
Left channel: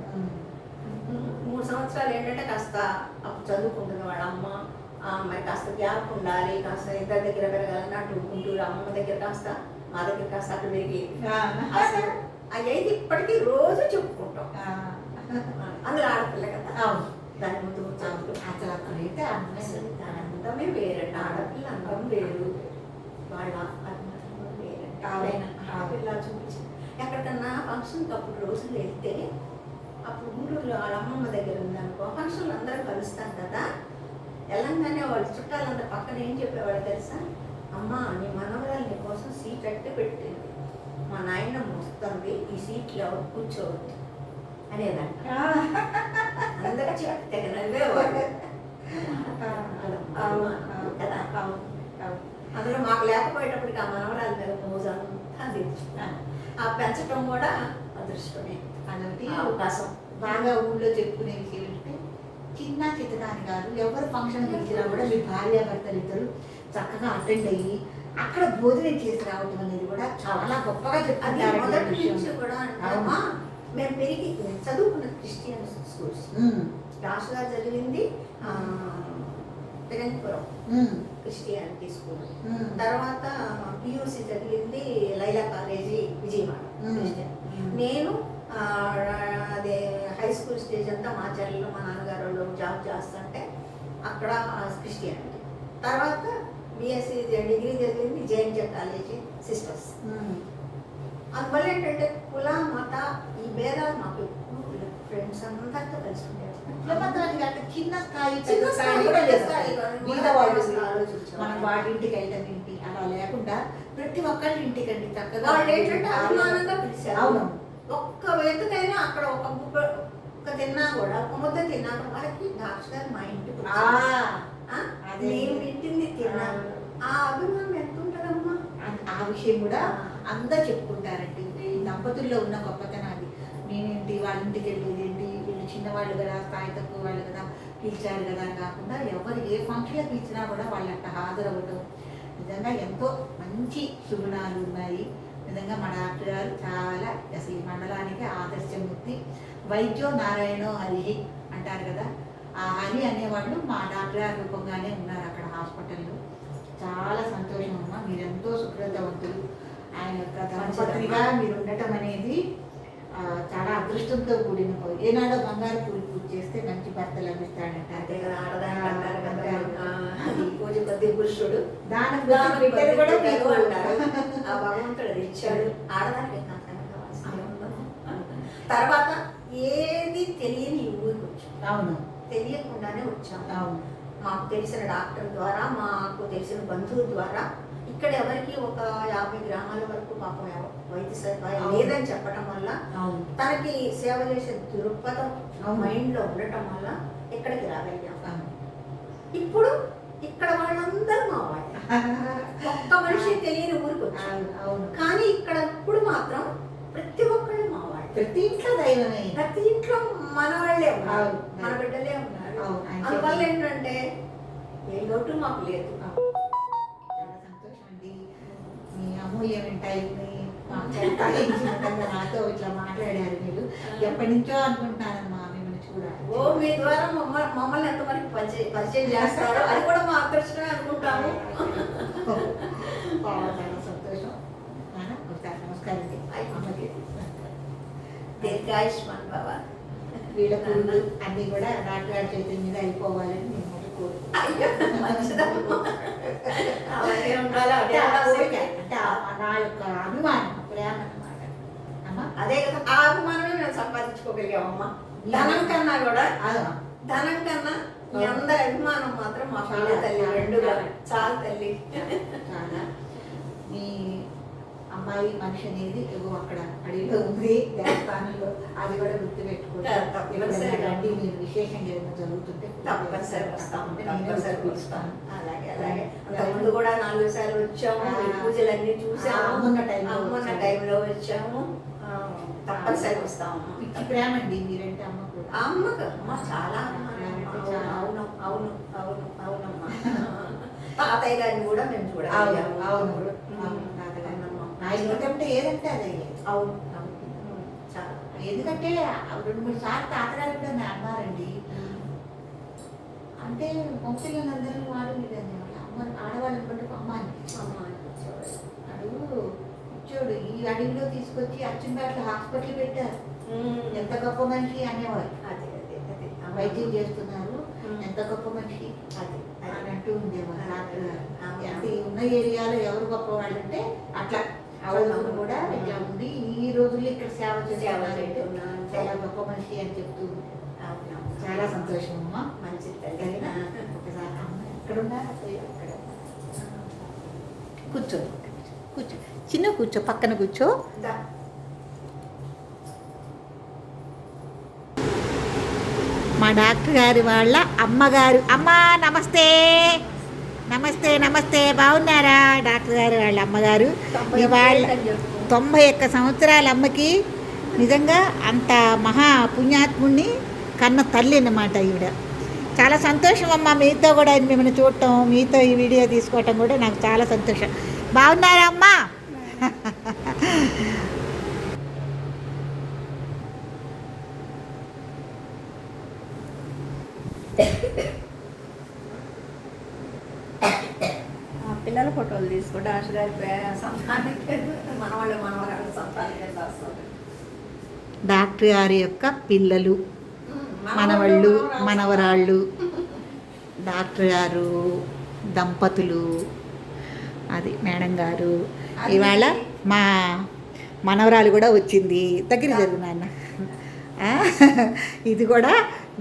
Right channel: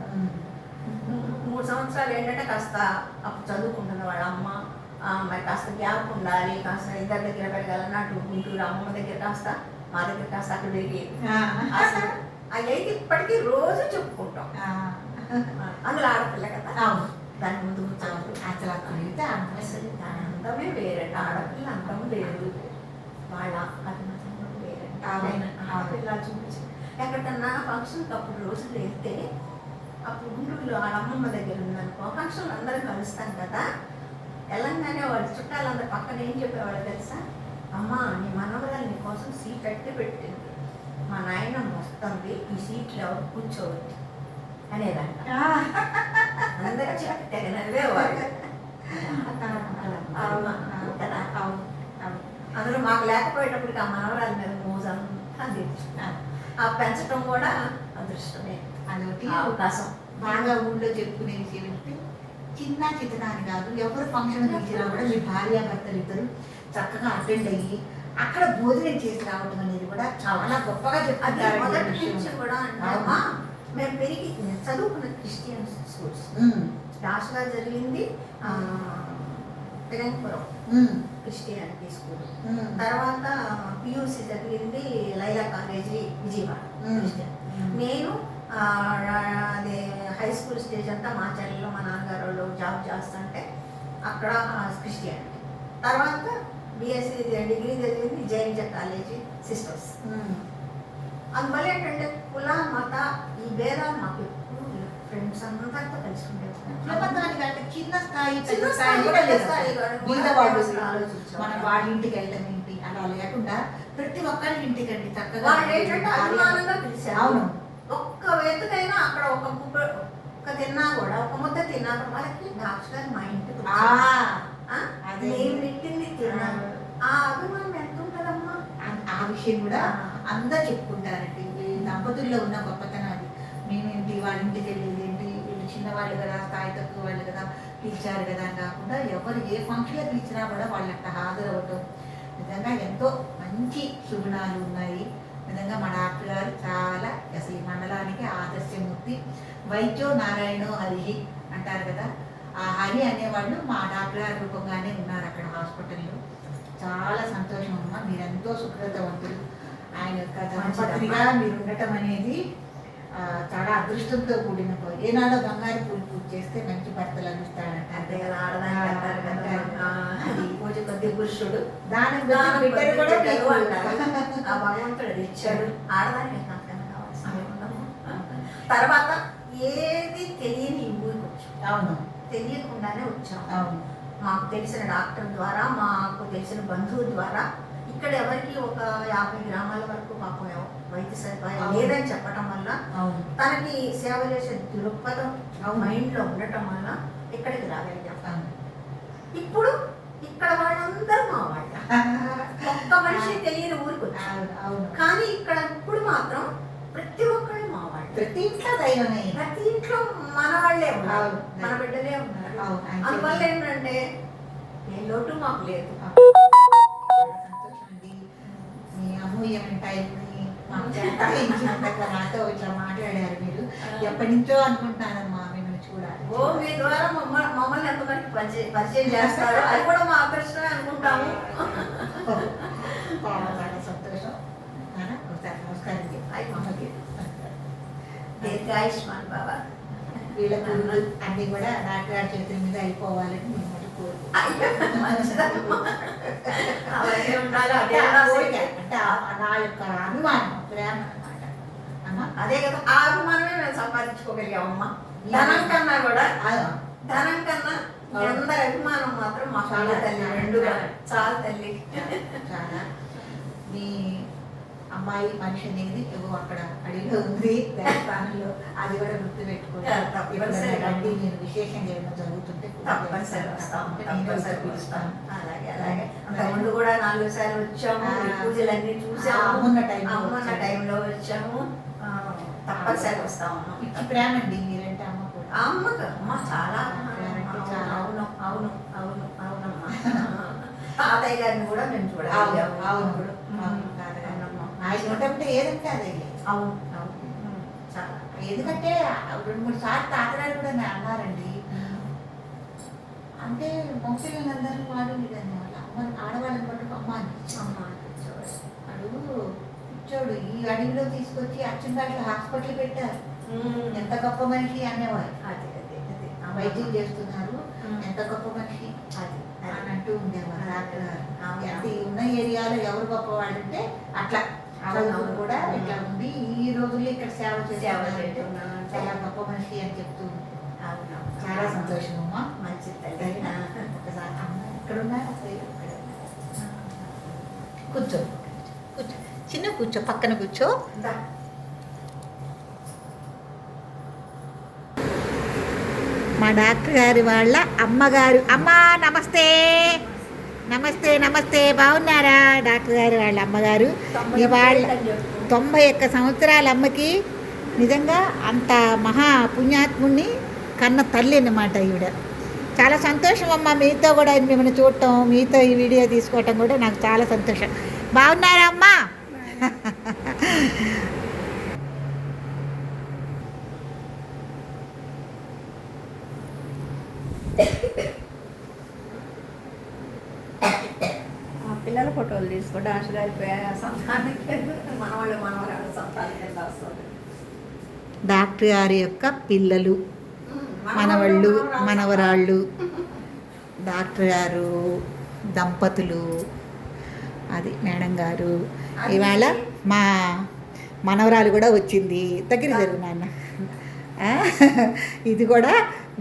3 సంవత్సరాలు ఏంటంటే కాస్త అప్పుడు చదువుకుంటుంది వాళ్ళ అమ్మ, మరి కాస్త గ్యాప్ ఉండాలి, కాస్త ఇద్దరి దగ్గర పెరగాలన్నట్టు గుంటూరు అమ్మ దగ్గర కాస్త మా దగ్గర కాస్త అక్కడ పెరిగి అసలు అవి అయితే ఇప్పటికీ రోజు చెప్పుకుంటాం. అందులో ఆడపిల్ల కదా, దాని ముందు అసలు అయితే అసలు దాని అందమే వేరంట. ఆడపిల్ల అందం వేరు, వాళ్ళ అభిమతం వేరంట. ఆడపిల్ల చూపించి ఎక్కడికన్నా ఫంక్షన్కి అప్పుడు రోజులు వెళ్తే, అప్పుడు గుంటూరులో వాళ్ళ అమ్మమ్మ దగ్గర ఉందనుకో, ఫంక్షన్లు అందరూ కలుస్తాం కదా. వెళ్ళంగానే వాళ్ళ చుట్టాలందరూ పక్కన ఏం చెప్పేవాళ్ళు తెలుసా? అమ్మ నీ మనవరాలు నీ కోసం సీట్ అట్టే పెట్టింది, మా నాయనమ్మ వస్తుంది, ఈ సీట్లో ఎవరు కూర్చోవద్దు అనేదంట. అందరూ తెగ నవ్వేవాళ్ళు కదా. అందులో మాకు లేకపోయేటప్పటికి ఆ మనవరాల మీద మోజంతా తెచ్చుకున్నాను. ఆ పెంచడం కూడా అదృష్టమే, అదొకటి అవకాశం. బాగా ఊళ్ళో చెప్పుకునే విషయం ఏంటంటే చిన్న చిన్నదాని కాదు, ఎవరు ఫంక్షన్ ఇచ్చినా కూడా మీ భార్యాభర్తలు ఇద్దరు చక్కగా అటెండ్ అయ్యి అక్కడ భోజనం చేసి రావడం అనేది కూడా చాలా గొప్పగా అది చెప్తారు. మొదటి నుంచి కూడా అంటామా. మేము పెరిగి చదువుకున్న క్రిస్టియన్ స్కూల్స్, రాష్ట్రాల జరిగింది పెరంగపురం క్రిస్టియానిటీ స్కూల్, తర్వాత పియూసి జరిగింది లైలా కాలేజీ విజయవాడ క్రిస్టియన్. నేను అదే హై స్కూల్ స్టేజ్ అంతా మా చెల్లెల్లో మా నాన్నగారు వాళ్ళు జాబ్ చేస్తుంటే అక్కడ క్రిస్టియానిటీ. తర్వాత బిఎస్సి డిగ్రీ జరిగింది జైనిజ కాలేజీ సిస్టర్స్. అందువల్ల ఏంటంటే కుల మత ఈ భేదాలు మాకు ఎప్పుడు ఫ్రెండ్స్ అందరితో కలిసి ఉండేవారు. చిన్న స్థాయి చిన్న స్థాయి కూడా మన వాళ్ళ ఇంటికి వెళ్ళటం ఏంటి అలా లేకుండా ప్రతి ఒక్కరి ఇంటికి అండి చక్కగా వాళ్ళు ఏంటంటే అభిమానంగా పిలిచారు. అవును, ఒక్క వెతుకైనా అక్కడ ఒక తిన్నా కూడా ఒక ముద్ద తిన్నా వాళ్ళకి డాక్టర్ గారు మా ఇంటికి నేను పెట్టింది తిన్నాను. ఆ అభిమానం ఎంత ఉంటుందమ్మా. ఆ విషయం కూడా అందరు చెప్పుకుంటారండి. దంపతుల్లో ఉన్న గొప్పతనం అది. నేనేంటి వాళ్ళ ఇంటికి వెళ్ళేది ఏంటి, వీళ్ళు చిన్నవాళ్ళు కదా, స్థాయి తక్కువ వాళ్ళు కదా, పిలిచారు కదా అని కాకుండా ఎవరు ఏ ఫంక్షన్లో పిలిచినా కూడా వాళ్ళంట హాజరవ్వటం నిజంగా ఎంతో మంచి శుభనాలు ఉన్నాయి. నిజంగా మా డాక్టర్ గారు చాలా అసలు ఈ మండలానికి ఆదర్శమూర్తి. వైద్యో నారాయణో హరి అంటారు కదా, ఆ హరి అనేవాళ్ళు మా డాక్టర్ గారి రూపంగానే ఉన్నారు అక్కడ హాస్పిటల్లో. చాలా సంతోషం అమ్మా, మీరెంతో సుకృతవంతులు. ఆయన యొక్క ధర్మపత్రిగా మీరు ఉండటం అనేది చాలా అదృష్టంతో కూడిన పని. ఏనాడో బంగారు పూలు పూజ చేస్తే మంచి భర్తలు అందిస్తాడంటే అంతే కదా. ఆడదాని అది పూజ కొద్ది పురుషుడు దానం బిడ్డలు కూడా మీకు అంటారు. ఆ భగవంతుడు ఇచ్చాడు. ఆడదానికి తర్వాత ఏది తెలియని ఊరికి వచ్చాం. అవును, తెలియకుండానే వచ్చాం. అవును, మాకు తెలిసిన డాక్టర్ ద్వారా, మాకు తెలిసిన బంధువు ద్వారా ఇక్కడ ఎవరికి ఒక 50 గ్రామాల వరకు పాపం వైద్య సదుపాయం లేదని చెప్పడం వల్ల తనకి సేవ చేసే దృక్పథం మైండ్లో ఉండటం వల్ల ఇక్కడికి రాగలిగాం. ఇప్పుడు ఇక్కడ వాళ్ళందరూ మా వాళ్ళ, ఒక్క మనిషి తెలియని ఊరికి వచ్చారు. కానీ ఇక్కడ ఇప్పుడు మాత్రం ప్రతి ఒక్కళ్ళు మా వాళ్ళు. ప్రతి ఇంట్లో దైవమే, ప్రతి ఇంట్లో మన వాళ్ళే ఉన్నారు, మన బిడ్డలే ఉన్నారు. అందువల్ల ఏంటంటే ఏ లోటు మాకు లేదు. మీ అమూల్యమైన టైంని నాతో ఇట్లా మాట్లాడారు మీరు. ఎప్పటి నుంచో అనుకుంటున్నానమ్మా మిమ్మల్ని చూడాలి. మీ ద్వారా మమ్మల్ని ఎంతమందికి పరిచయం చేస్తారు, అది కూడా మా అదృష్టమే అనుకుంటాము. చాలా చాలా సంతోషం. నమస్కారం. అమ్మకి దీర్ఘాయుష్మాన్ బాబా. వీళ్ళకు అన్ని కూడా నాటుగారి చేతుల మీద అయిపోవాలని నేను నా యొక్క అభిమానం, ప్రేమ అన్నమాట అమ్మ. అదే కదా, ఆ అభిమానమే మేము సంపాదించుకోగలిగామమ్మా. ధనం కన్నా కూడా, ధనం కన్నా మీ అందరి అభిమానం మాత్రం మా చాలా తల్లి, రెండుగా చాలా తల్లి. చాలా మీ అమ్మాయి మనిషి అనేది ఏవో అక్కడ అడిగిలో ఉంది దేవస్థానంలో, అది కూడా గుర్తు పెట్టుకుంటాను. నేను విశేషంగా ఏమో జరుగుతుంటే తప్పనిసరి వస్తాము. అలాగే అలాగే అంతకుముందు కూడా 4 సార్లు వచ్చాము, పూజలన్నీ చూసాము. అమ్మున్న టైంలో వచ్చాము. తప్పనిసరి వస్తాము. పిచ్చి ప్రేమ అండి మీరంటే అమ్మ కూడా. అమ్మకు అమ్మ చాలా. అవును అవును అవును అవునమ్మా. తాతయ్య గారిని కూడా మేము చూడాలి. అవును, ఆయన ఏదంటే అదే. అవును అవును చాలా. ఎందుకంటే 2-3 సార్లు తాతగారు కూడా అన్నారండి, అంటే మొక్కలందరూ వాడు అమ్మ ఆడవాళ్ళని బట్టి అమ్మ అనిపించేవాడు. కూర్చోడు ఈ అడవిలో తీసుకొచ్చి అచ్చంగాట్ల హాస్పిటల్ పెట్టారు. ఎంత గొప్ప మనిషి అనేవారు. వైద్యం చేస్తున్నారు, ఎంత గొప్ప మనిషి అది అని అంటూ ఉండేవారు డాక్టర్ గారు. అంటే ఉన్న ఏరియాలో ఎవరు గొప్ప వాళ్ళు అంటే అట్లా చదువులు కూడా ఇట్లా ఉంది. ఈ రోజుల్లో ఇక్కడ సేవ చేస్తున్నాను, చాలా గొప్ప మనిషి అని చెప్తూ చాలా సంతోషం అమ్మా. మంచి ఒకసారి అమ్మ ఎక్కడున్నా కూర్చో కూర్చో చిన్న కూర్చో, పక్కన కూర్చో. దా. మా డాక్టర్ గారి వాళ్ళ అమ్మగారు. అమ్మా నమస్తే. నమస్తే నమస్తే, బాగున్నారా? డాక్టర్ గారు వాళ్ళ అమ్మగారు ఇవాళ 91 సంవత్సరాల అమ్మకి నిజంగా అంత మహా పుణ్యాత్ముడిని కన్న తల్లి అన్నమాట ఈవిడ. చాలా సంతోషం అమ్మ, మీతో కూడా మిమ్మల్ని చూడటం, మీతో ఈ వీడియో తీసుకోవటం కూడా నాకు చాలా సంతోషం. బాగున్నారా అమ్మా? పిల్లల ఫోటోలు తీసుకో, డాన్స్ గారి సంతానానికి మనవరాలు సంతానానికి రాస్తారు. డాక్టర్ గారి యొక్క పిల్లలు, మనవళ్ళు, మనవరాళ్ళు, డాక్టర్ గారు దంపతులు, అది మేడం గారు. ఇవాళ మా మనవరాలు కూడా వచ్చింది. దగ్గర జరుగు నాన్న. ఇది కూడా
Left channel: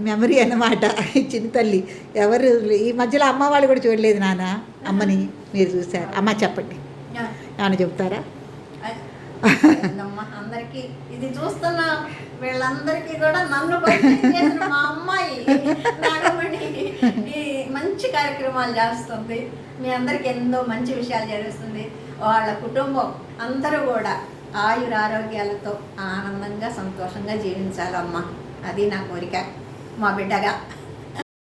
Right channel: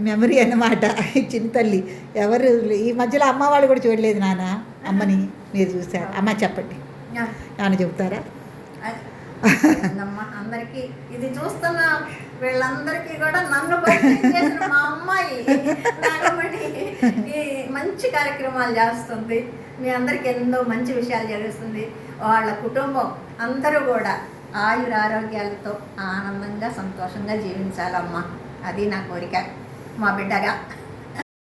మెమరీ అన్నమాట. చిన్న తల్లి ఎవరు ఈ మధ్యలో అమ్మ వాళ్ళు కూడా చూడలేదు నాన్న. అమ్మని మీరు చూసారు. అమ్మ చెప్పండి, ఏమైనా చెప్తారా? అందరికి ఇది చూస్తున్న వీళ్ళందరికీ కూడా నన్ను పరిచయం చేసిన మా అమ్మాయి నాగమణి ఈ మంచి కార్యక్రమాలు చేస్తుంది. మీ అందరికి ఎన్నో మంచి విషయాలు జరుగుతుంది. వాళ్ళ కుటుంబం అందరూ కూడా ఆయురారోగ్యాలతో ఆనందంగా సంతోషంగా జీవించాలమ్మా. అది నా కోరిక మా బిడ్డగా.